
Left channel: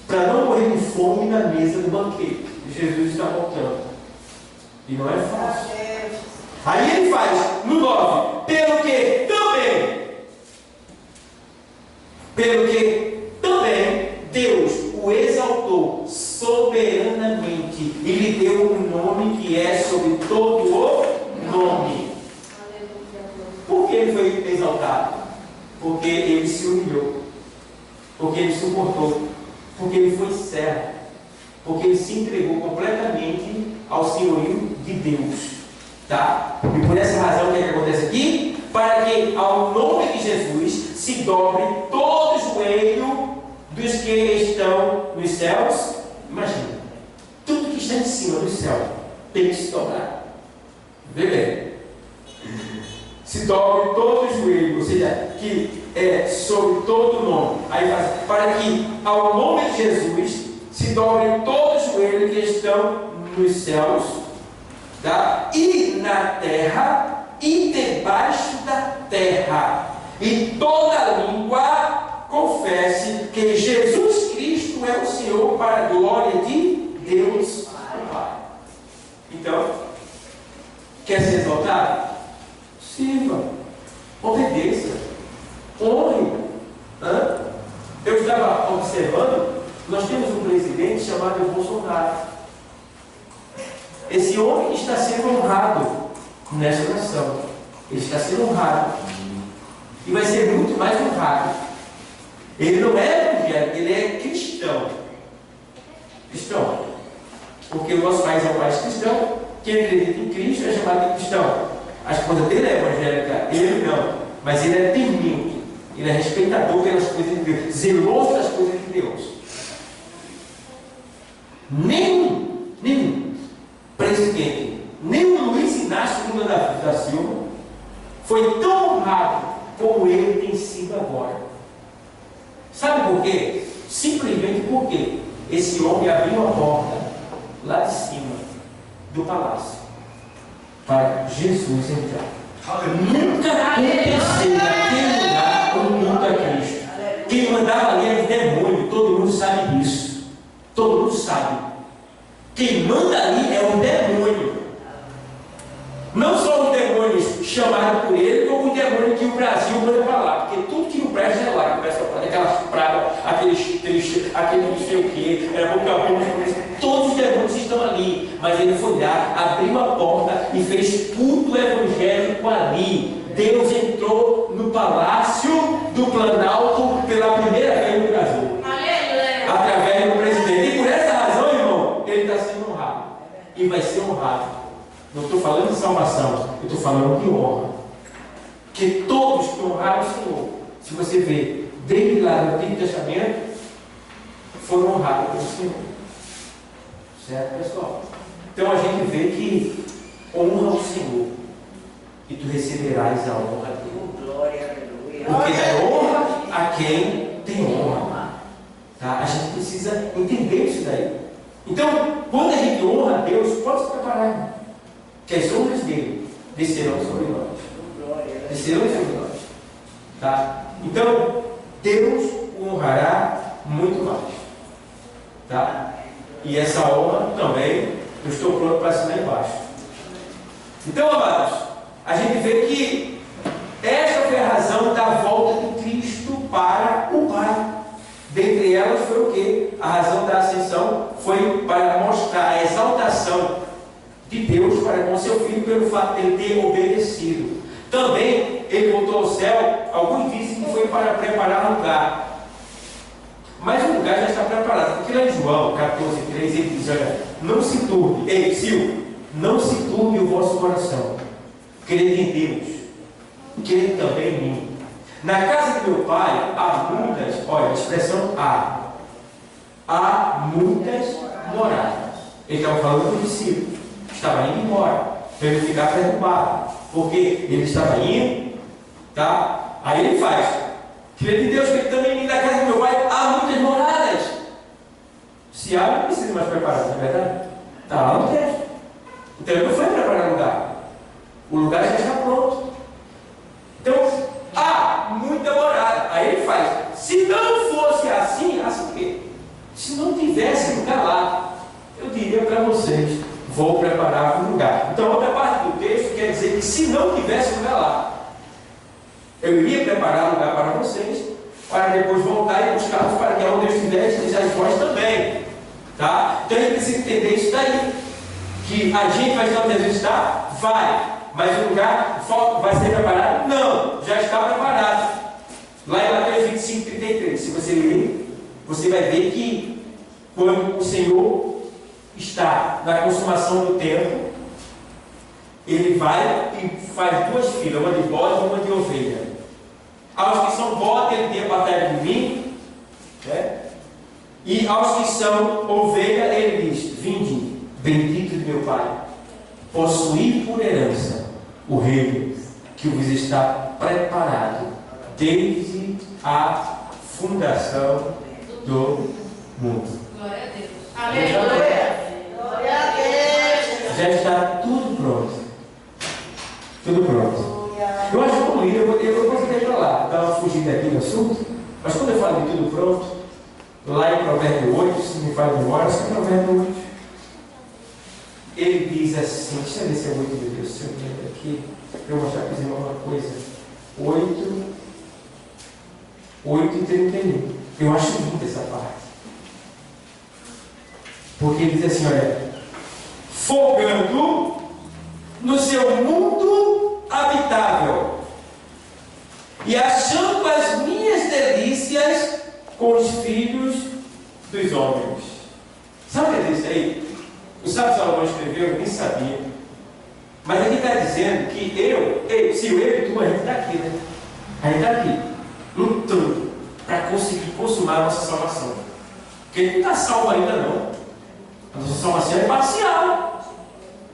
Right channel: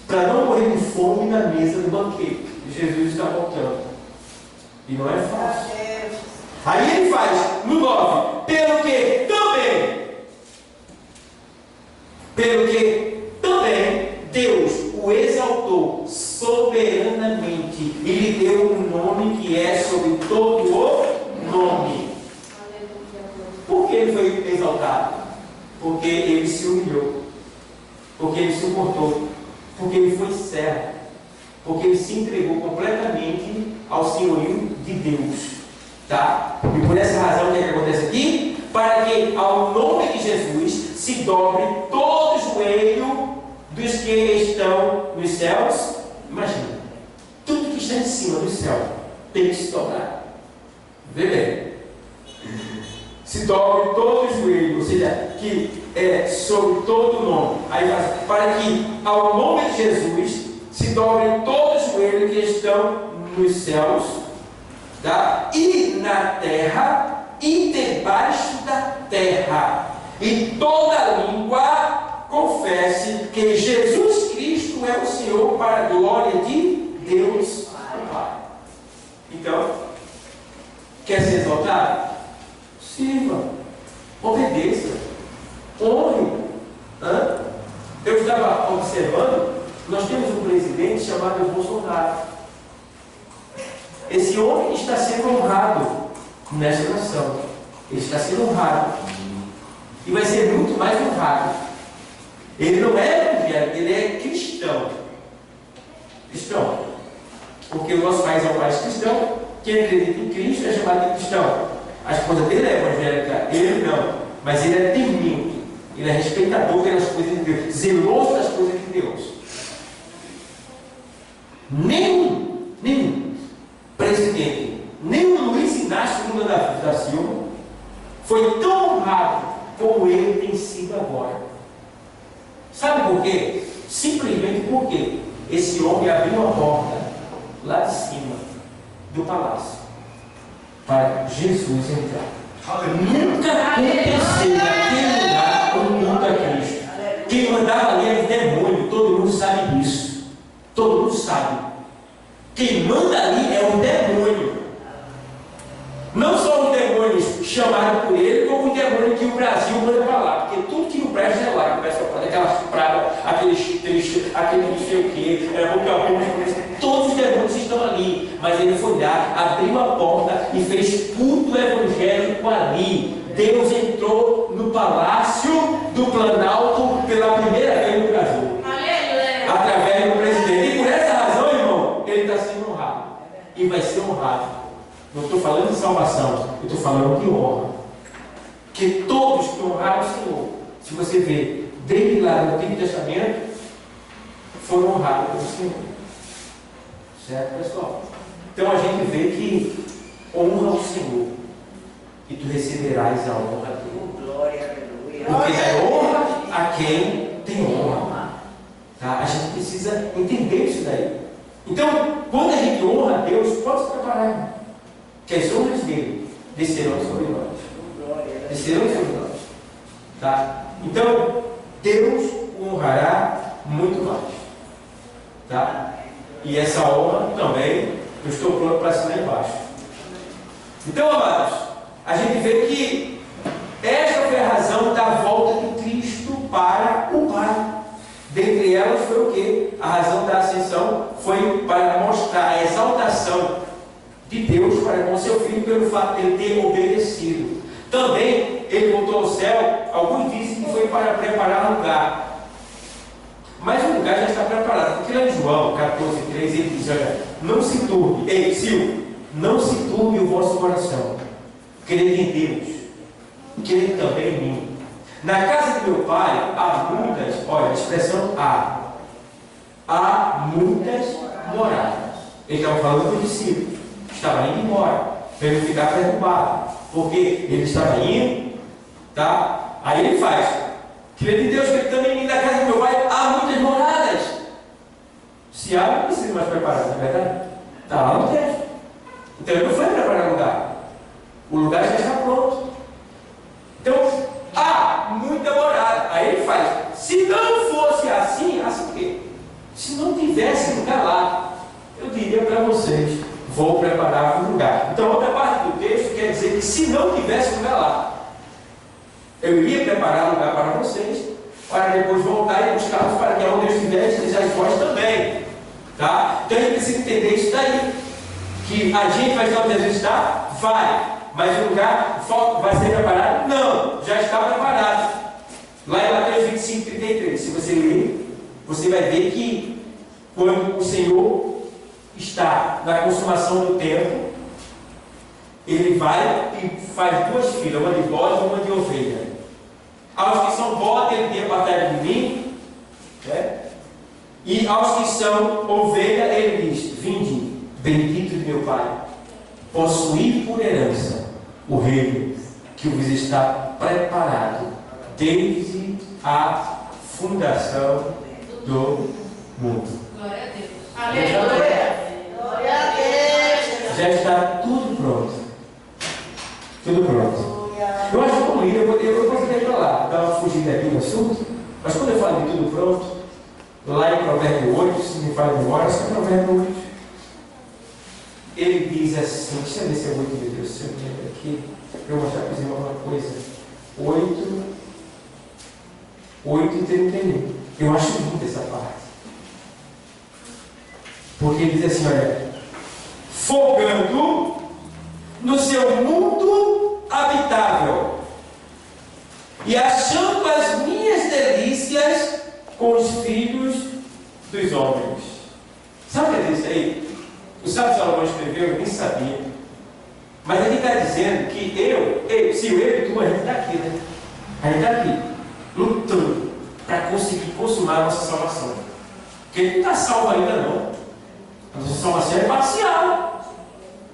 para não morrer de fome na mesa do banquete. Jesus está voltando. E não é fácil. Aí ele faz, no 9, pelo que também Deus o exaltou soberanamente e lhe deu um nome que é sobre todo o nome. Por que ele foi exaltado? Porque ele se humilhou, porque ele suportou, porque ele foi servo, porque ele se entregou completamente ao senhorio de Deus. Tá? E por essa razão, o que é que acontece aqui? Para que ao nome de Jesus se dobre todo o joelho dos que estão nos céus. Imagina, tudo que está em cima do céu tem que se dobrar. Vê bem. Se dobre todo o joelho, ou seja, que é sobre todo o nome. Aí para que ao nome de Jesus se dobre todo o joelho que estão nos céus, tá? E na terra e debaixo da terra, e toda língua confesse que Jesus Cristo é o Senhor, para a glória de Deus Pai. Então, quer ser exaltado? Sirva, obedeça, honre. Eu estava observando, nós temos um presidente chamado Bolsonaro. Esse homem está sendo honrado nessa nação. Ele está sendo honrado. E vai ser muito mais honrado. Ele não é evangélico, ele é cristão. Cristão. Porque o nosso país é um país cristão. Quem acredita em Cristo é chamado de cristão. A esposa dele é evangélica, ele não. Mas ele é temente. Ele é respeitador pelas coisas de Deus. Zeloso das coisas de Deus. Nenhum presidente, nenhum Luiz Inácio Lula da Silva foi tão honrado como ele tem sido agora. Sabe por quê? Simplesmente porque esse homem abriu a porta lá de cima do palácio para Jesus entrar. Nunca aconteceu naquele sabe. Quem manda ali é o demônio. Não só os demônios chamados por ele, como os demônios que o Brasil manda para lá. Porque tudo que não presta é lá que começa a fazer aquelas pragas, aquele não sei o que, todos os demônios estão ali. Mas ele foi lá, abriu a porta e fez culto evangélico ali. Deus entrou no palácio do Planalto pela primeira vez no Brasil. Através do presidente. E por essa razão, irmão, ele está sendo honrado. E vai ser honrado. Não estou falando de salvação, eu estou falando de honra. Porque todos que honraram o Senhor, se você vê, desde lá no Antigo Testamento, foram honrados pelo Senhor. Certo, pessoal? Então a gente vê que honra o Senhor e tu receberás a honra dele. Porque dá honra a quem tem honra. Tá? A gente precisa entender isso daí. Então, quando a gente honra a Deus, pode se preparar. Que as honras dele descerão sobre nós. Descerão sobre nós. Tá? Então, Deus o honrará muito mais. Tá? E essa honra também, eu estou pronto para assinar embaixo. Então, amados, a gente vê que esta foi a razão da volta de Cristo para o Pai. Dentre elas foi o quê? A razão da ascensão foi para mostrar a exaltação de Deus para com seu Filho pelo fato de ele ter obedecido. Também ele voltou ao céu. Alguns dizem que foi para preparar lugar, mas o lugar já está preparado, porque lá em João 14:3 ele diz: olha, não se turbe, ei, Silvio, não se turbe o vosso coração, crede em Deus, crede também em mim. Na casa de meu pai há muitas, olha, a expressão há muitas moradas. Ele estava falando do discípulo, estava indo embora, para ele ficar perturbado, porque ele estava indo, tá? Aí ele faz: crede em Deus, que ele também em mim. Na casa do meu pai há muitas moradas. Se há, não precisa mais preparar, não é verdade? Está lá no texto. Então ele não foi preparar lugar, o lugar já está pronto. Então há muita morada. Aí ele faz: se não fosse assim, assim o quê? Se não tivesse lugar lá, eu diria para vocês: vou preparar um lugar. Então, outra parte do texto quer dizer que se não tivesse lugar lá, eu iria preparar lugar para vocês, para depois voltar e buscá-los para que onde eu estiver, estejais vós também. Tá? Então a gente precisa entender isso daí. Que a gente vai estar onde Jesus está? Vai. Mas o lugar vai ser preparado? Não. Já está preparado. Lá em Mateus 25:33, se você ler, você vai ver que quando o Senhor está na consumação do tempo, ele vai e faz duas filas, uma de bode e uma de ovelha. Aos que são bode, ele tem a batalha de mim, né? E aos que são ovelha, ele diz: vinde, bendito de meu Pai, possuir por herança o reino que vos está preparado desde a fundação do mundo. Glória a Deus. Aleluia. Glória a Deus. Já está tudo pronto. Tudo pronto. Eu acho que como líder, eu posso ir para lá, dar uma fugida aqui no assunto, mas quando eu falo de tudo pronto, lá em Provérbio 8, se me fala de memória, é Provérbio 8. Ele diz assim, deixa eu ver se é 8, meu Deus, se eu me lembro aqui, para eu mostrar para vocês uma coisa. 8:31. Eu acho linda essa parte. Porque ele diz assim, olha: folgando no seu mundo habitável e achando as minhas delícias com os filhos dos homens. Sabe o que é isso aí? O sábio Salomão escreveu, eu nem sabia. Mas ele está dizendo que se eu e tu, a gente está aqui, né? A gente está aqui, lutando para conseguir consumar a nossa salvação. Porque ele não está salvo ainda não. A nossa salvação é parcial.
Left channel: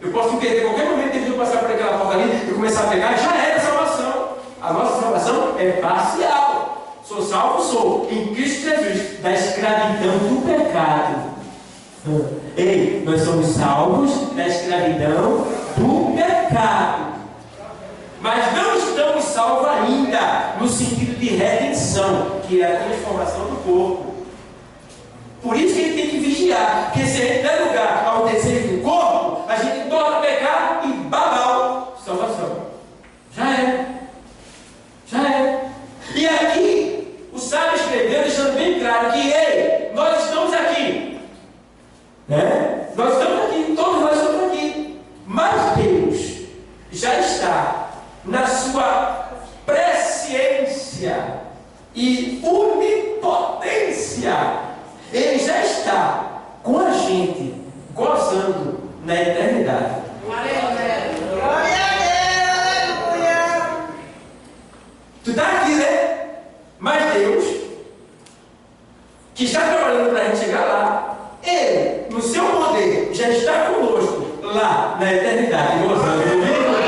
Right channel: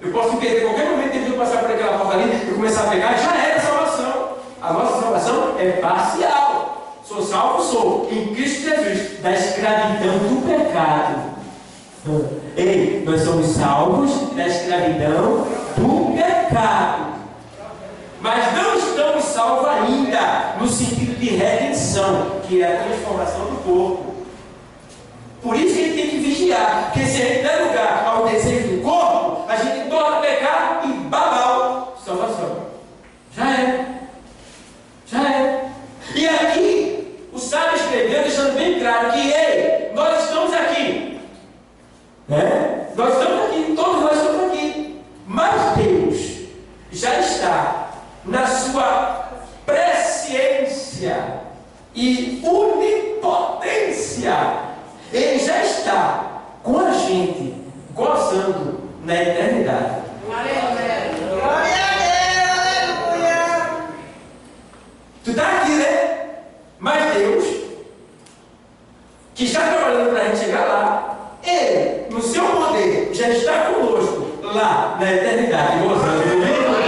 Eu posso me perder a qualquer momento, que eu passar por aquela porta ali, eu começar a pegar, já era a salvação. A nossa salvação é parcial. Sou salvo, sou em Cristo Jesus, da escravidão do pecado. Ei, nós somos salvos da escravidão do pecado. Mas não estamos salvos ainda no sentido de redenção, que é a transformação do corpo. Por isso que ele tem que vigiar. vigiar, porque se a gente der lugar ao desejo do corpo, a gente torna pecado e babau, salvação. Já é. Já é. E aqui, o sábio escreveu, deixando bem claro que, ei, nós estamos aqui. Né? Nós estamos aqui, todos nós estamos aqui. Mas Deus já está na sua presciência e onipotência. Ele já está com a gente, gozando na eternidade. Aleluia. Glória a Deus, aleluia. Tu está aqui, né? Mas Deus, que está trabalhando para a gente chegar lá, Ele, no seu poder, já está conosco lá na eternidade, gozando do mesmo poder.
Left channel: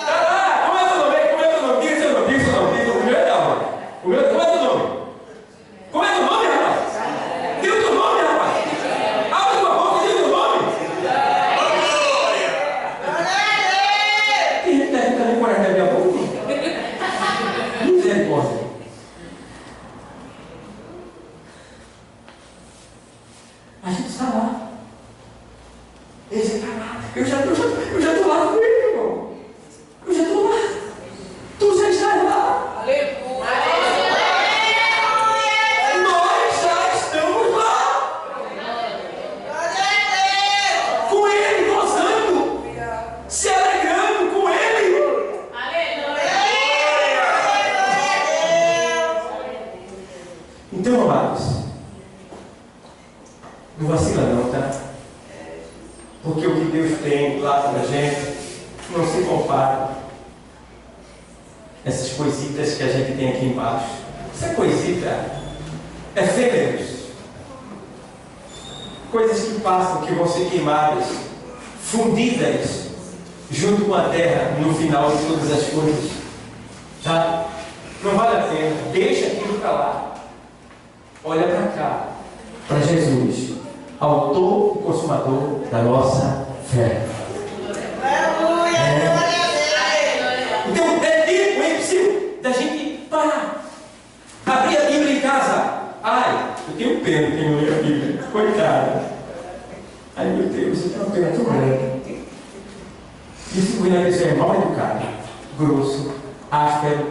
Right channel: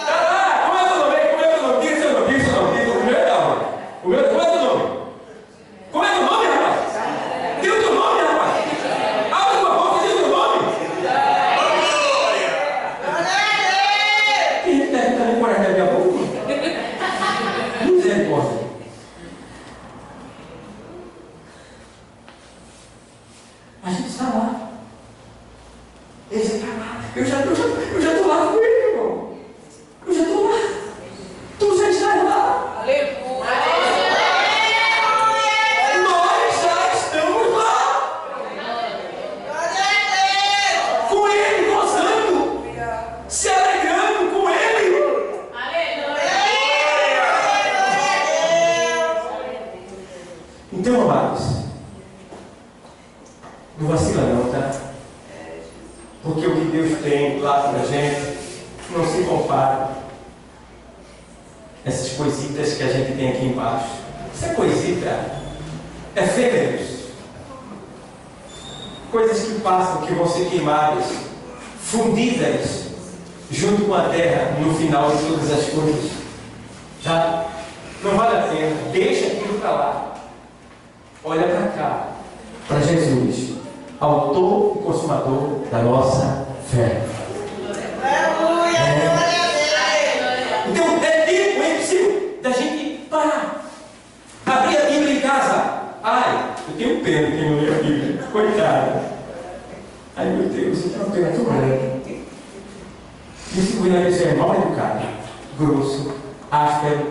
Está lá, como é teu nome? Como é teu nome? Diga seu nome, diga seu nome. O meu é Dalma. Como é teu nome? Como é teu nome, rapaz? Diga o teu nome, rapaz. Abre tua boca e diga o teu nome. Tem gente deve estar nem coragem de abrir a boca. Misericórdia. A gente está lá. Ele está lá. Eu já estou lá com ele, irmão. Eu já estou lá. Tu já estás lá. Aleluia. Nós já estamos lá. Glória a Deus. Com ele, gozando. Se alegrando com ele. Então, amados, não vacila não, tá? Porque o que Deus tem lá para a gente não se compara. Essas coisitas que a gente tem aqui embaixo. Essa coisita é efêmeros. Coisas que passam, que vão ser queimadas, fundidas junto com a terra no final de todas as coisas. Tá? Não vale a pena. Deixa aquilo para lá. Olha para cá, para Jesus, autor e consumador da nossa fé. Aleluia. Glória a Deus. Então é tempo, é impossível da gente parar, abrir a Bíblia em casa. Ai, eu tenho pena de quem não lê a Bíblia, coitado. Ai meu Deus, eu tenho uma pena tão grande. Isso que é mal educado, grosso, áspero,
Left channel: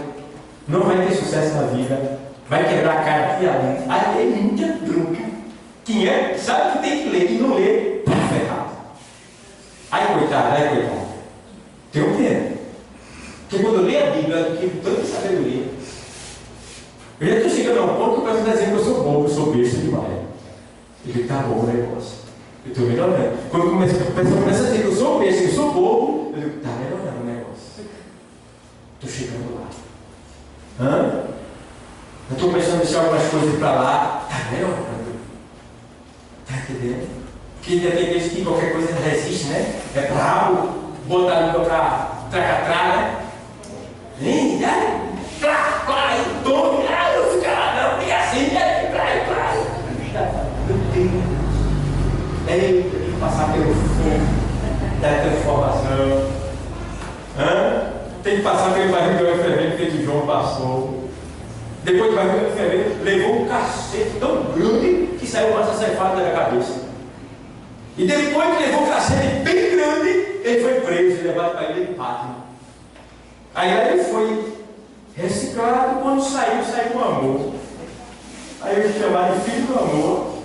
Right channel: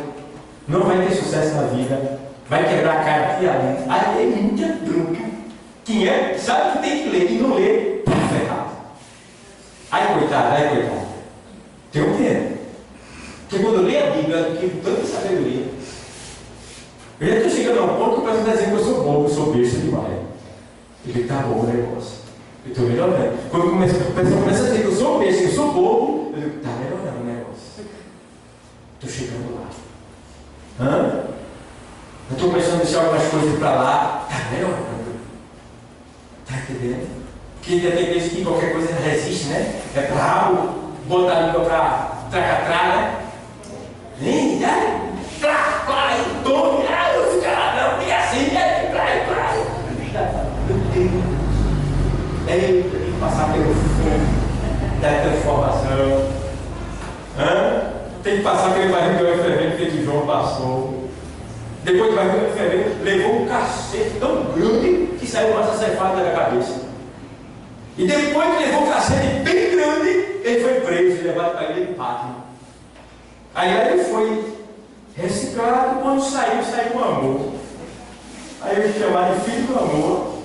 não vai ter sucesso na vida. Vai quebrar a cara aqui e ali. Aí é muita bronca. Quem é, sabe que tem que ler e não lê, tá ferrado. Ai, coitado. Tenho pena. Porque quando eu leio a Bíblia, eu tenho tanta sabedoria. Eu já estou chegando a um ponto que o pessoal está dizendo que eu sou bobo, eu sou besta demais. Eu digo, tá bom o negócio. Eu estou melhorando. Quando o pessoal começa a dizer que eu sou besta, que eu sou bobo, eu digo, tá melhorando o negócio. Estou chegando lá. Eu estou começando a deixar algumas coisas para lá. Está melhorando. Está entendendo? Porque ainda tem vezes que qualquer coisa resiste, né? É brabo, botar a língua para tracatrar, né? Plá, e tome. Eu fico lá, não, fica assim, plá. Meu Deus. Tem que passar pelo fogo da transformação. Tem que passar pelo barril de óleo fervente que o João passou. Depois do barril de óleo fervente, levou um cacete tão grande que saiu uma ceifada da minha cabeça. E depois que levou um cacete bem grande, ele foi preso e levado para a ilha de Patmos. Aí ele foi reciclado, quando saiu com amor. Aí eles chamaram de filho do amor.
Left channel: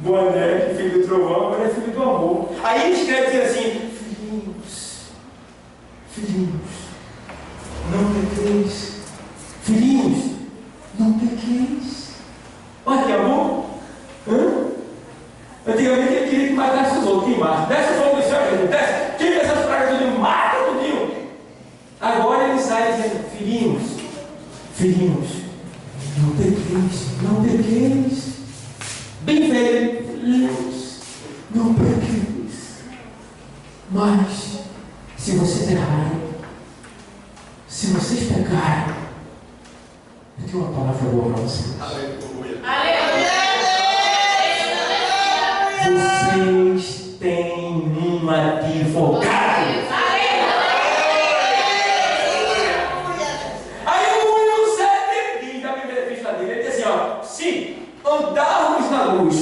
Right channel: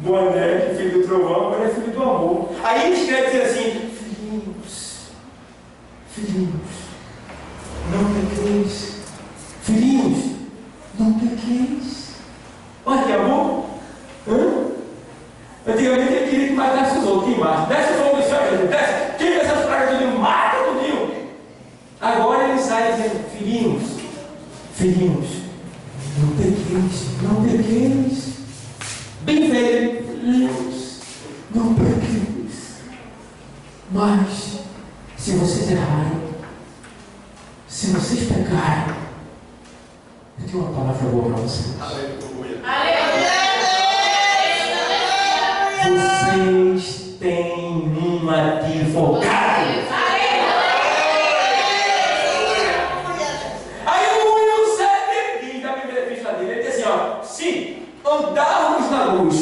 Boanerges, filho do trovão, agora é filho do amor. Aí ele escreve assim: filhinhos, não pequeis. Filhinhos, não pequeis. Olha que amor. Antigamente ele queria que matasse os outros, queimasse. Desce o fogo do céu, Jesus, desce. Tira essas pragas tudo, mata tudo. Agora ele sai dizendo: filhinhos, não pequeis. Bem velho, filhinhos, não pequeis. Mas, se vocês errarem, se vocês pecarem, eu tenho uma palavra boa para vocês. Aleluia. Vocês têm um advogado. Aí o 1:7 diz da primeira epístola dele, ele diz assim:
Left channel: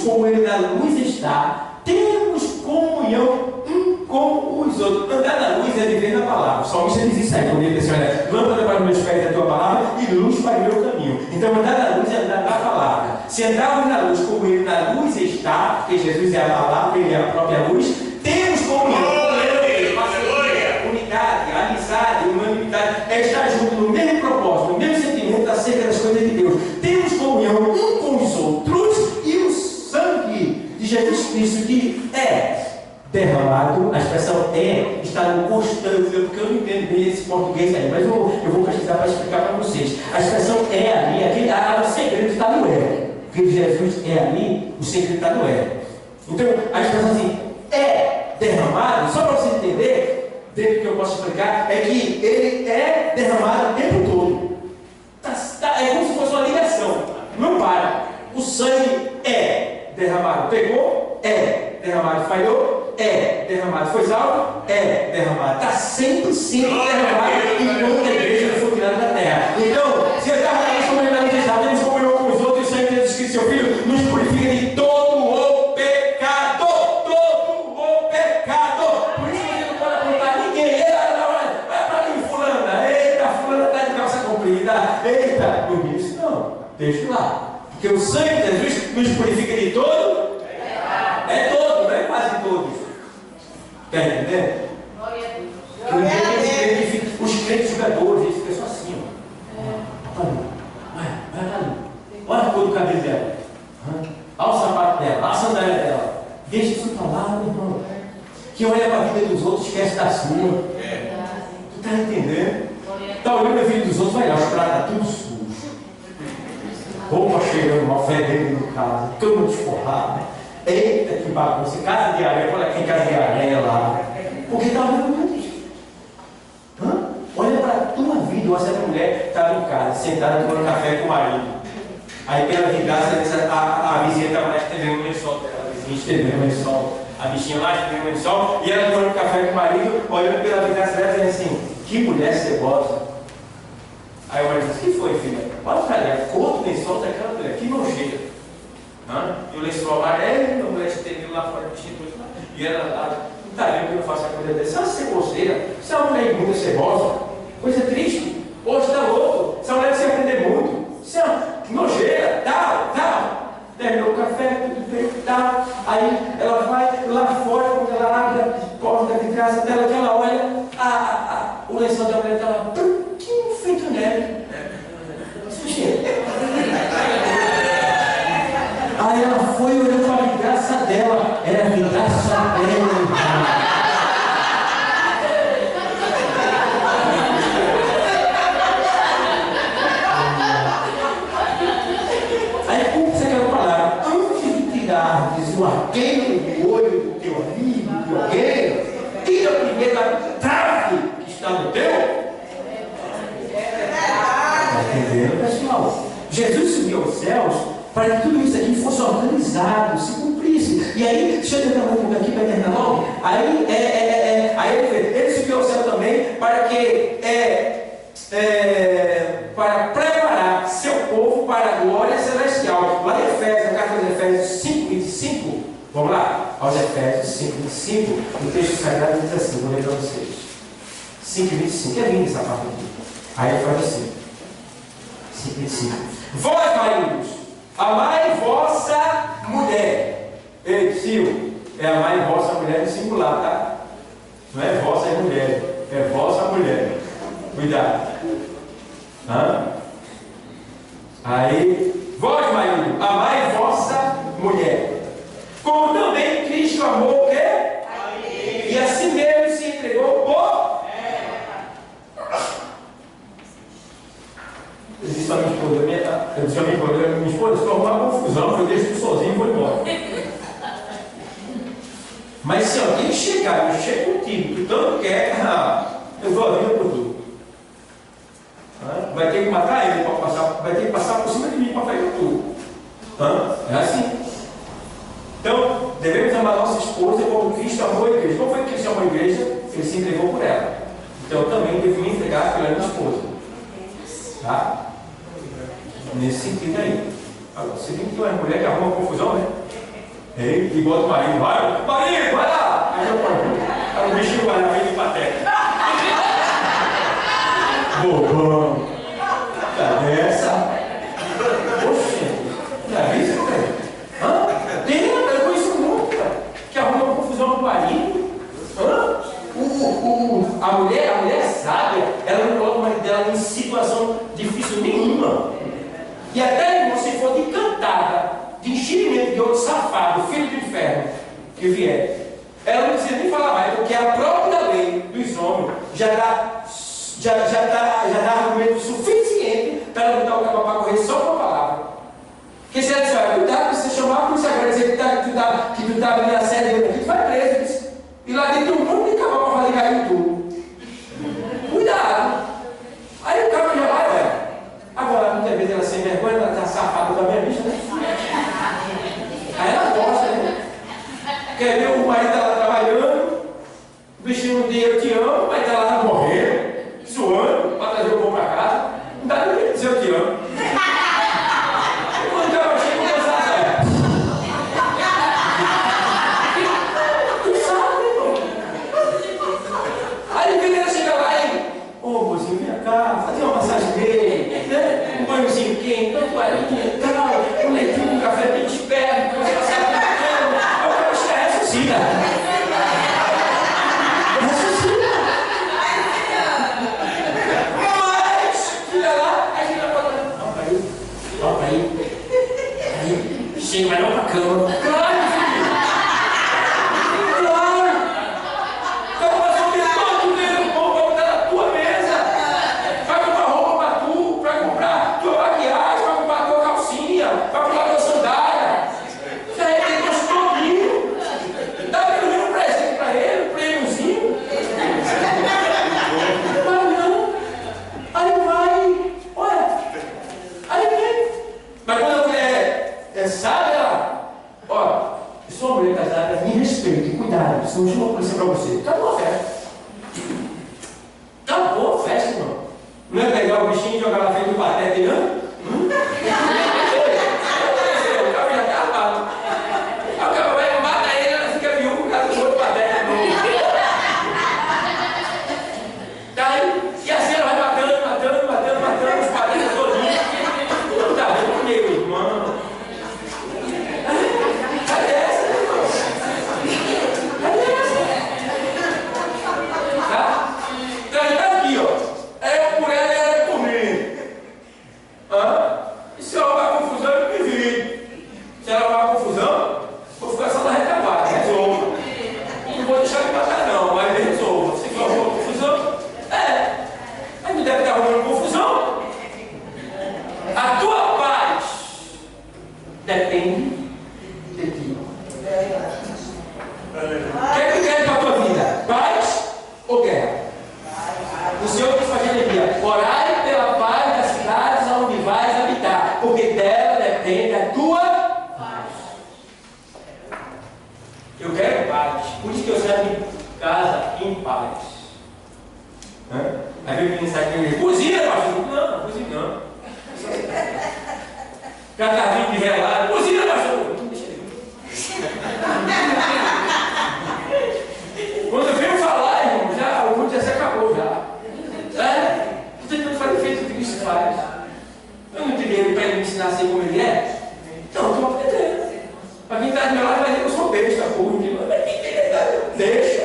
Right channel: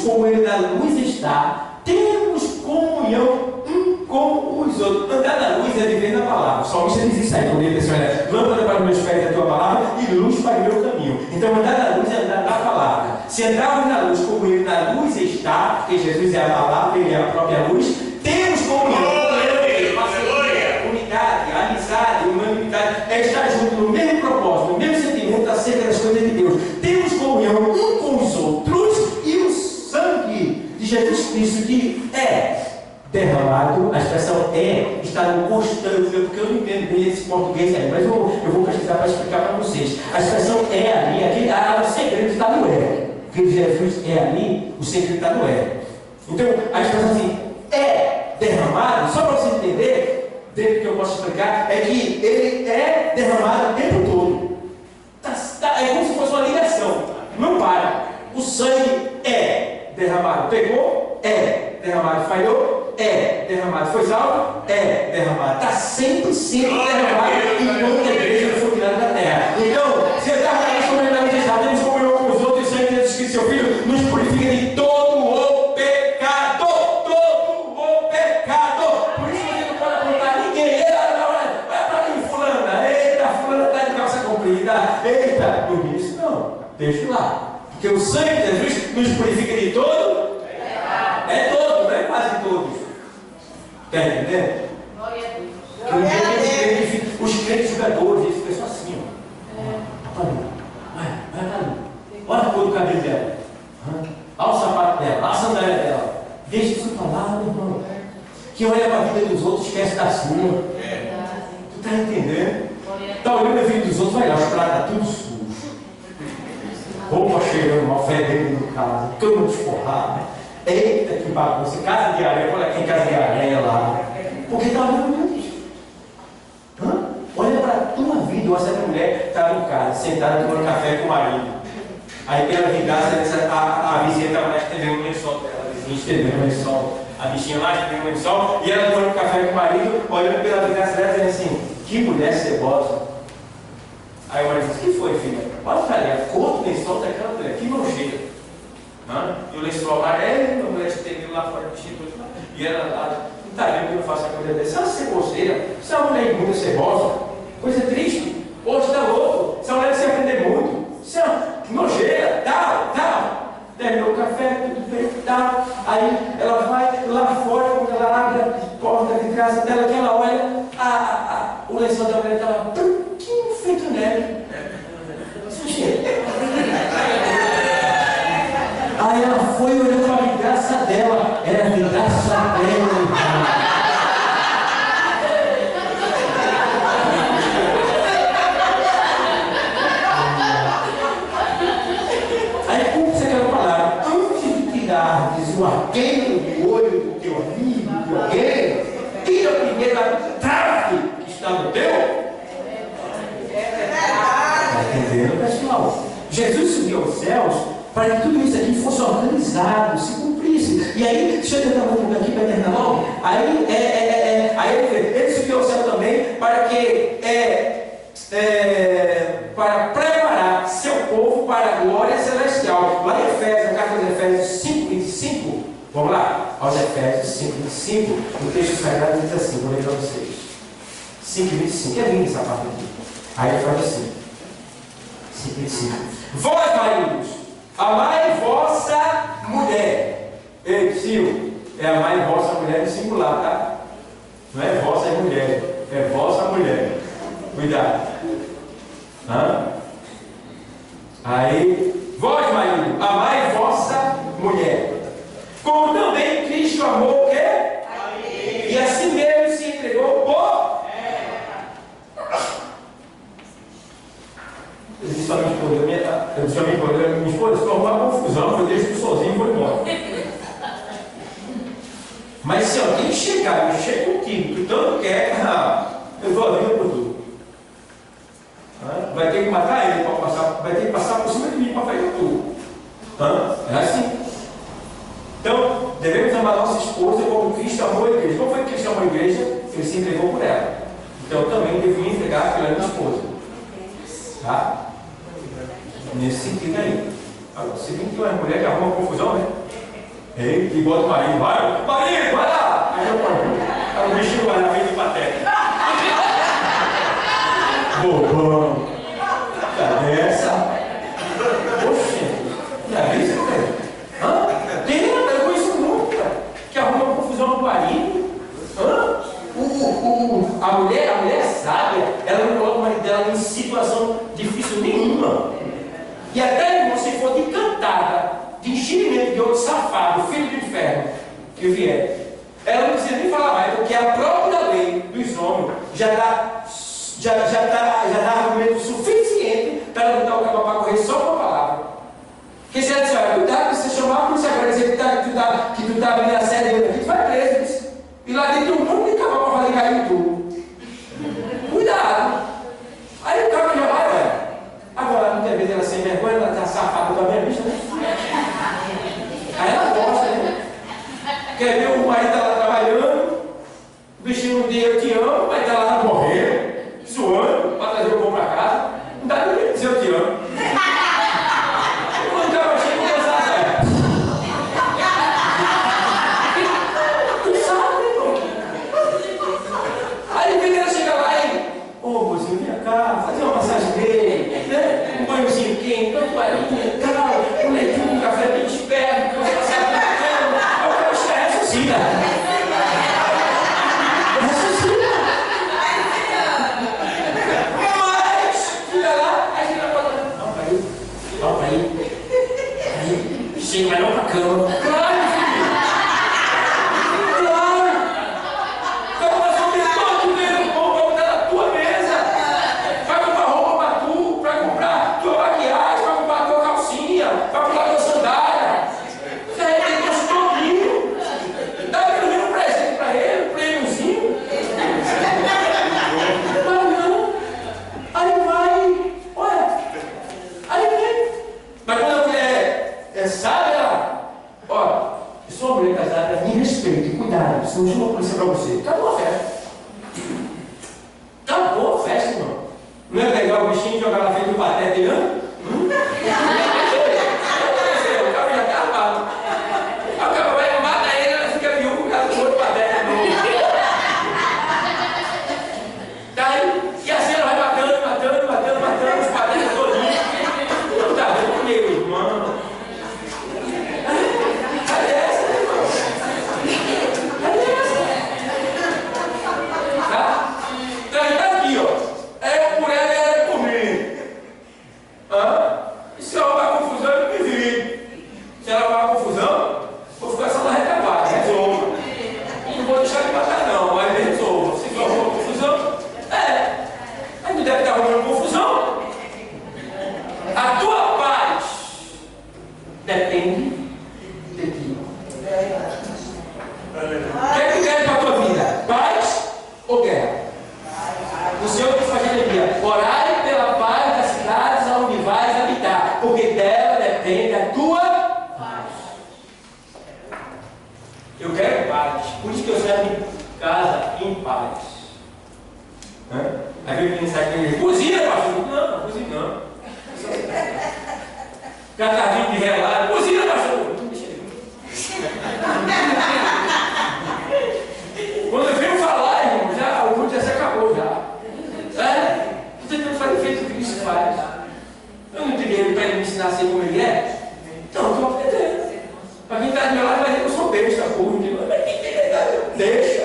como Ele na luz está, temos comunhão um com os outros. Andar na luz é viver na palavra. O salmista diz isso aí, quando ele diz assim: lâmpada para os meus pés é a tua palavra e luz para o meu caminho. Então andar na luz é andar na palavra. Se andarmos na luz como Ele na luz está, porque Jesus é a palavra, Ele é a própria luz, temos comunhão. Unidade, amizade, unanimidade, é estar junto no mesmo propósito, no mesmo sentimento acerca das coisas de Deus. Temos comunhão um com os outros e o sangue de Jesus Cristo que é derramado, a expressão é, está no constante, porque eu não entendo bem esse português aí, mas eu vou pesquisar para explicar para vocês. A expressão é ali, o segredo está no é. Porque Jesus é ali, o segredo está no é. Então, a expressão assim, é derramado, só para você entender, dentro do que eu posso explicar, é que ele é derramado o tempo todo. É como se fosse uma ligação, não para. O sangue é derramado, pegou, é derramado, falhou, é derramado, foi salvo, é derramado. Está sempre sendo derramado enquanto a igreja não for tirada da terra. Então, se está temos comunhão com os outros, e o sangue de Jesus Cristo, seu Filho, nos purifica de todo o pecado. Todo o pecado. Por isso você não pode apontar ninguém. Vai para mim, fulana. Eita, fulana está de calça comprida. Eita, por isso não. Deixa lá. Porque o sangue de Jesus nos purifica de todo. É todo, não é quase todos. Está entendendo? Glória a Deus. Os crentes jogadores, eles ficam só assim, ó. Vai ali. Olha a cor do cabelo dela. Olha o sapato dela, olha a sandália dela. Deixa isso para lá, meu irmão. Que olha para a vida dos outros, esquece da sua. Tu está entendendo? Está olhando a vida dos outros, vai lá, os pratos tudo sujo. Roupa cheirando mal, fedendo no caso, cama desforrada. Eita, que bagunça. Casa de areia, olha quem casa de areia lá. Porque está olhando muito isso. Olha para a tua vida. Ou essa mulher estava em casa, sentada tomando café com o marido. Aí pela vingança, a vizinha estava lá estendendo o lençol dela. A vizinha estendendo o lençol. A bichinha lá estendendo o lençol. E ela tomando café com o marido, olhando pela vingança dela, dizendo assim: que mulher cebosa. Aí o marido disse: que foi, filha? Olha para ali, a cor do lençol daquela mulher, que nojeira. E o lençol amarelo, a mulher estendendo lá fora do instituto. E ela lá, não está vendo que eu não faço a coisa dessa? Essa ceboseira, se é uma mulher imunda cebosa, coisa triste. Hoje está louco, essa mulher precisa aprender muito. Isso é uma nojeira, tal. Terminou o café, tudo bem, tal. Aí ela vai lá fora, quando ela abre a porta de casa dela, que ela olha, o lençol da mulher está lá, branquinho, feito neve. Aí ela foi olhando para a vidraça dela, era a vidraça dela. Aí cumpre-se aquela palavra: antes de tirar o arqueiro do olho do teu amigo, de alguém, tira primeiro a trave que está no teu. Está entendendo, pessoal? Jesus subiu aos céus para que tudo isso aqui fosse organizado, se cumprisse. E aí, deixa eu tentar um pouco aqui para terminar logo. Aí ele subiu ao céu também para que para preparar seu povo para a glória celestial. Lá em Efésios, na carta de Efésios 5:25, vamos lá, aos Efésios 5:25, o texto sagrado diz assim, vou ler para vocês. 5:25, é linda essa parte aqui. Aí ele faz assim, 5:25. Vós, maridos, amai vossa mulher. Ei, tio, é amai vossa mulher no singular, tá? Não é vossa mulher, é vossa mulher. Cuidado. Aí, vós, marido, amai vossa mulher. Como também Cristo amou o quê? E assim mesmo se entregou por. Eu disse para minha esposa, se tornou uma confusão, eu deixo tu sozinho e vou embora. Mas se alguém chegar, mexer contigo, tu tanto quer, eu dou a vida por tu. Vai ter que matar ele para passar, vai ter que passar por cima de mim para fazer tudo. É assim. Então, devemos amar nossa esposa como Cristo amou a igreja. Como foi que Cristo amou a igreja? Ele se entregou por ela. Então, eu também devo me entregar pela minha esposa. Tá? Nesse sentido aí. Agora, se tem que ter uma mulher que arruma confusão, né? E bota o marido, vai lá! Aí o bichinho vai lá, vem de pateta. Bobão! Cadê essa? Poxa, já viu isso, cara? Tem, eu conheço muito, cara, que arruma uma confusão no marido. A mulher sábia, ela não coloca o marido dela em situação difícil nenhuma. E até se for de cantada, de enchimento de outro safado, filho do inferno, que vier, ela não precisa nem falar mais, porque a própria lei dos homens já dá argumento suficiente para ela botar o cabo para correr só com a palavra. Porque se ela disser, olha, cuidado, se você chamar a polícia agora dizer que tu tá ali na série aqui, tu vai preso. E lá dentro tem um monte de cabo para fazer cair tudo. Cuidado. Aí o cabo já vai, velho. Agora, muitas vezes ela sem vergonha, ela está safada com a minha bicha, né? Aí ela gosta, né? Quer ver o marido dela trabalhando, o bichinho um dia eu te amo, mas tá lá morrendo, suando, para trazer o pão para casa. Não dá nem dizer eu te amo. Quando o cara chega e começa a sair. Tu sabe, irmão? Aí quando ela chega lá e, mozinho, vem cá, fazer uma massagem dele, né? Um banhozinho quente, uma toalhinha, tal, um leitinho, um café bem esperto, você passar na cama. Aí o cara chega e ressuscita. Mas, chega lá, aí chega pra lá. Ó, aí. Chega, vai não pra cama. Claro, filho. Claro. Então, nós vamos ter todo o dinheiro bom pra botar na tua mesa. Vai comprar roupa pra tu, vai comprar tua maquiagem, vai comprar tua calcinha, vai comprar tua sandália. Isso aí tem gosto todinho. Dá pelo menos um presente pra ele, um prêmiozinho. Mas não. Aí vai. Olha. Aí vem. Mas quando a mulher sabe, ela. Ó, eu sou uma mulher casada, me respeite, cuidado, senão eu chamo a polícia pra você. Acabou a festa. Acabou a festa, irmão. Não é pegar o bichinho e jogar na frente do pateta e o cara já tá armado. Aí o cara vai mata ele, ela fica viúva por causa do outro pateta novo. Daí, e assim ela vai matando os patetas todinhos. Não tá vendo comigo, irmão. Cadê essa, irmão? Cadê essa? Tá? Então tá aqui, ó. É por ela e ela é por mim. E se ela vai confusão, eu me vi. Se ela vai confusão, vou ficar só na retaguarda, resolva. Não vou deixar de matar não, mas resolva. Se for uma confusão, aí tu deve estar arrumando confusão. A tua paz depende de ti. O que é que quer para a tua vida? Paz ou guerra? O Senhor diz para Jeremias: orai pela paz das cidades aonde vais habitar, porque dela depende a tua paz. Eu quero paz, por isso que eu saio de casa em paz. Aí vem quem sai aqui, cozinha, pastor. Não, cozinha não. Catarrinho de relado, cozinha, pastor. Não deixa ele. Quando eu venho falar, irmão, o culto já se acabou já. Estou tentando fazer feito o que Cristo faz. Eu não tirei ele para ele me ensinar a ser como ele é. Então, estou aprendendo. Para quem está do meu lado vai dizer que eu sou besta, burro. Deixa.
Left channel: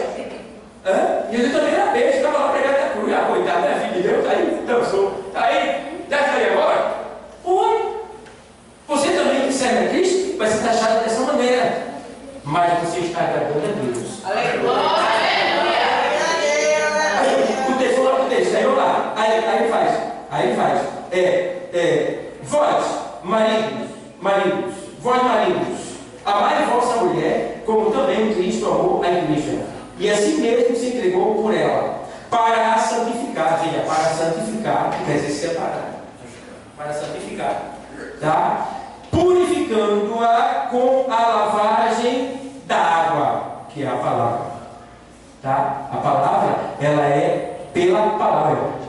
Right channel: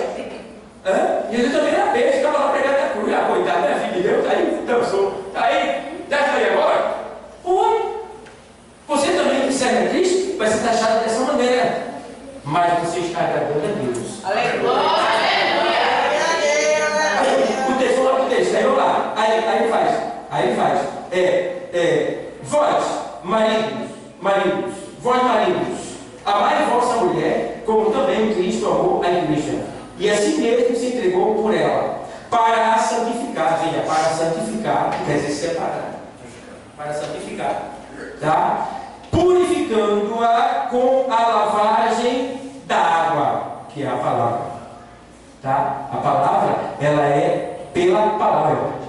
E ele também era besta, estava lá pregando a cruz. Coitado, né, filho de Deus? Está aí, dançou. Está aí, deve estar aí agora? Oi. Você também que serve a Cristo vai ser taxado dessa maneira. Mas você está agradando a Deus. Aleluia. O texto, vamos lá para o texto. Aí vamos lá. Aí faz. Vós, maridos, amai vossa mulher, como também Cristo amou a igreja. E assim mesmo se entregou por ela, para a santificar. Veja, para santificar, quer dizer separar. Para santificar. Tá? Purificando-a com a lavagem da água, que é a palavra. Tá? A palavra, ela é pela palavra.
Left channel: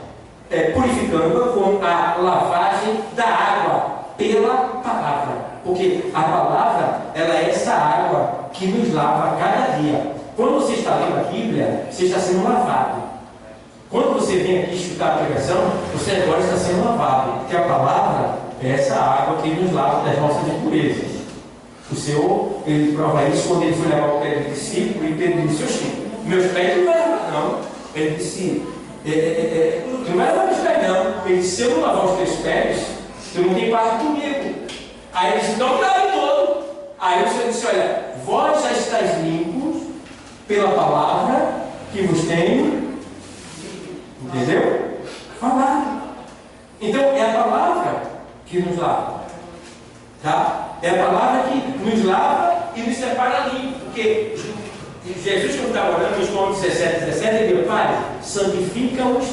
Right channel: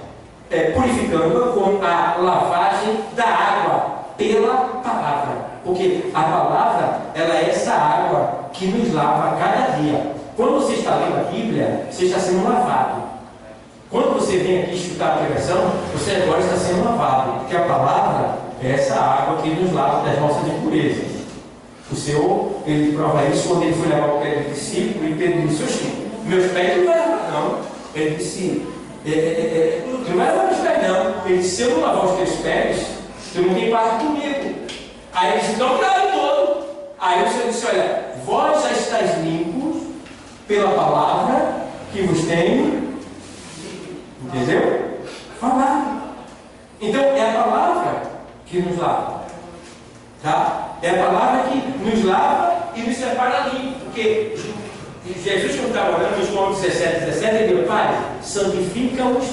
Purificando-a com a lavagem da água, pela palavra. Porque a palavra, ela é essa água que nos lava a cada dia. Quando você está lendo a Bíblia, você está sendo lavado. Quando você vem aqui escutar a pregação, você agora está sendo lavado. Porque a palavra é essa água que nos lava das nossas impurezas. O Senhor, ele prova isso quando ele foi lavar o pé do discípulo e Pedro disse: oxi, meus pés não vai lavar, não. Ele disse: tu não vai lavar meus pés, não. Ele disse: se eu não lavar os teus pés, tu não tem parte comigo. Aí ele disse: então lave todo. Aí o Senhor disse: olha, vós já estáis limpos pela palavra que vos tenho, entendeu? Falado. Então é a palavra que nos lava, tá? É a palavra que nos lava e nos separa limpo, porque Jesus, quando estava orando no João 17, ele disse: Pai, santifica-os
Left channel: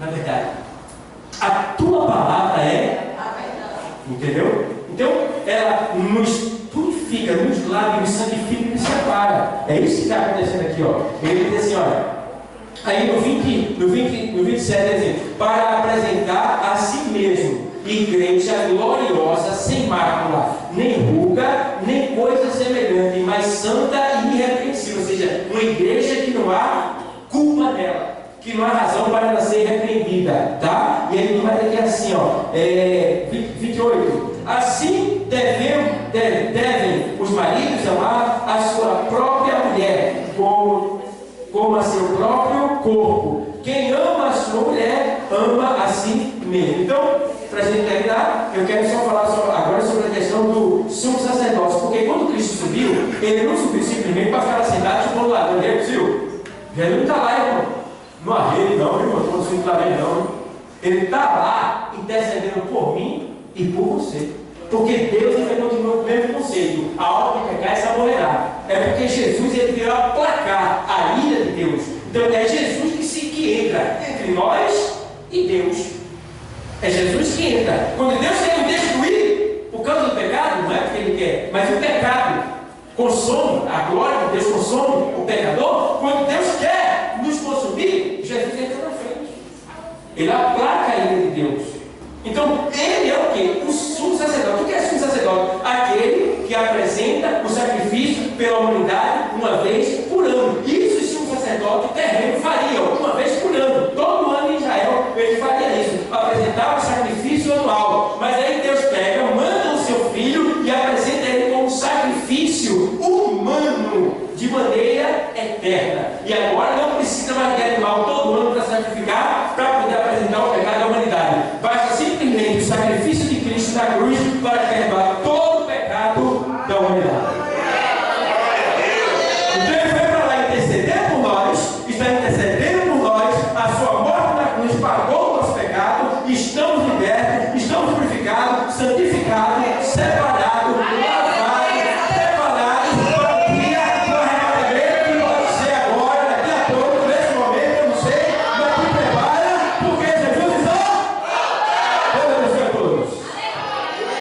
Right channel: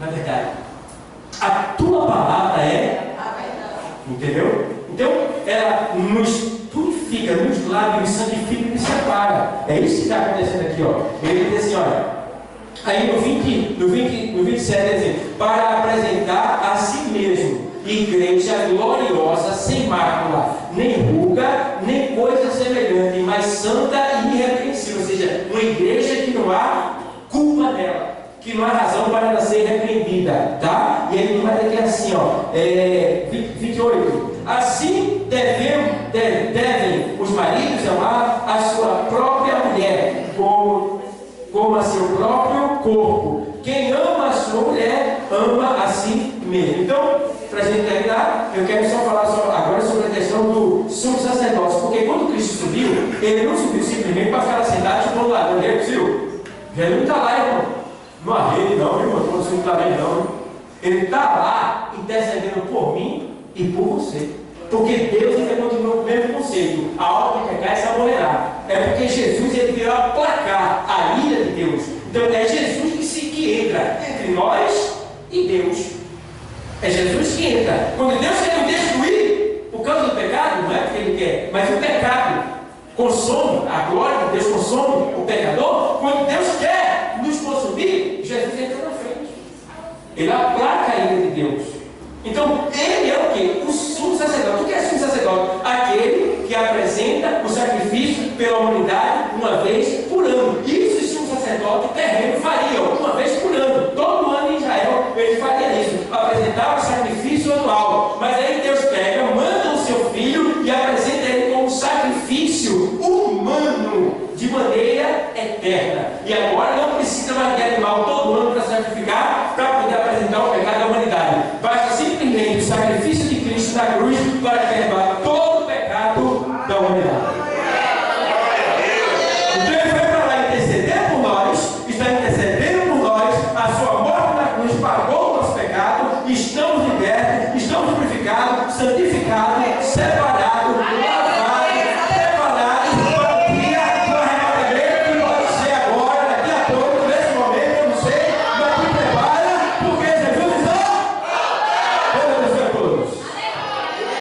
na verdade. A tua palavra é a verdade. Entendeu? Então, ela nos purifica, nos lava, nos santifica e nos separa. É isso que está acontecendo aqui, ó. Ele diz assim, olha. Aí no 27 ele diz: para apresentar a si mesmo igreja gloriosa, sem mácula, nem ruga, nem coisa semelhante, mas santa e irrepreensível. Ou seja, uma igreja que não há culpa nela, que não há razão para ela ser repreendida, tá? E ele vai dizer assim, ó, 28. Assim devem os maridos amar a sua própria mulher, como a seu próprio corpo. Quem ama a sua mulher, ama a si mesmo. Então, para a gente terminar, eu quero só falar agora sobre a questão do sumo sacerdócio, porque quando Cristo subiu, ele não subiu simplesmente para ficar sentado tipo lá, não é possível? Jesus não está lá, irmão. Não há rei, não, irmão, não consigo estar bem, não. Ele está lá intercedendo por mim e por você. Porque Deus ainda continua com o mesmo conceito: a alma que pecar, essa morrerá. É porque Jesus, ele veio aplacar a ira de Deus. Então é Jesus que entra entre nós e Deus. É Jesus que entra. Quando Deus quer nos destruir por causa do pecado, não é porque ele quer, mas o pecado consome, a glória de Deus consome o pecador. Quando Deus quer nos consumir, Jesus entra na frente. Ele aplaca a ira de Deus. Então, ele é o quê? O sumo sacerdote. O que é sumo sacerdote? Aquele que apresenta o sacrifício pela humanidade uma vez por ano. Isso o sumo sacerdote terreno faria uma vez por ano. Todo ano em Israel ele faria isso. Apresentava o sacrifício anual. Mas aí Deus pega, manda o seu filho e apresenta ele como sacrifício humano de maneira eterna. E agora não precisa mais de animal todo ano para sacrificar, para poder apresentar o pecado da humanidade. Basta simplesmente o sacrifício de Cristo na cruz para perdoar todo o pecado da humanidade. Então ele foi para lá interceder por nós, está intercedendo por nós, a sua morte na cruz pagou o nosso pecado, estamos libertos, estamos purificados, santificados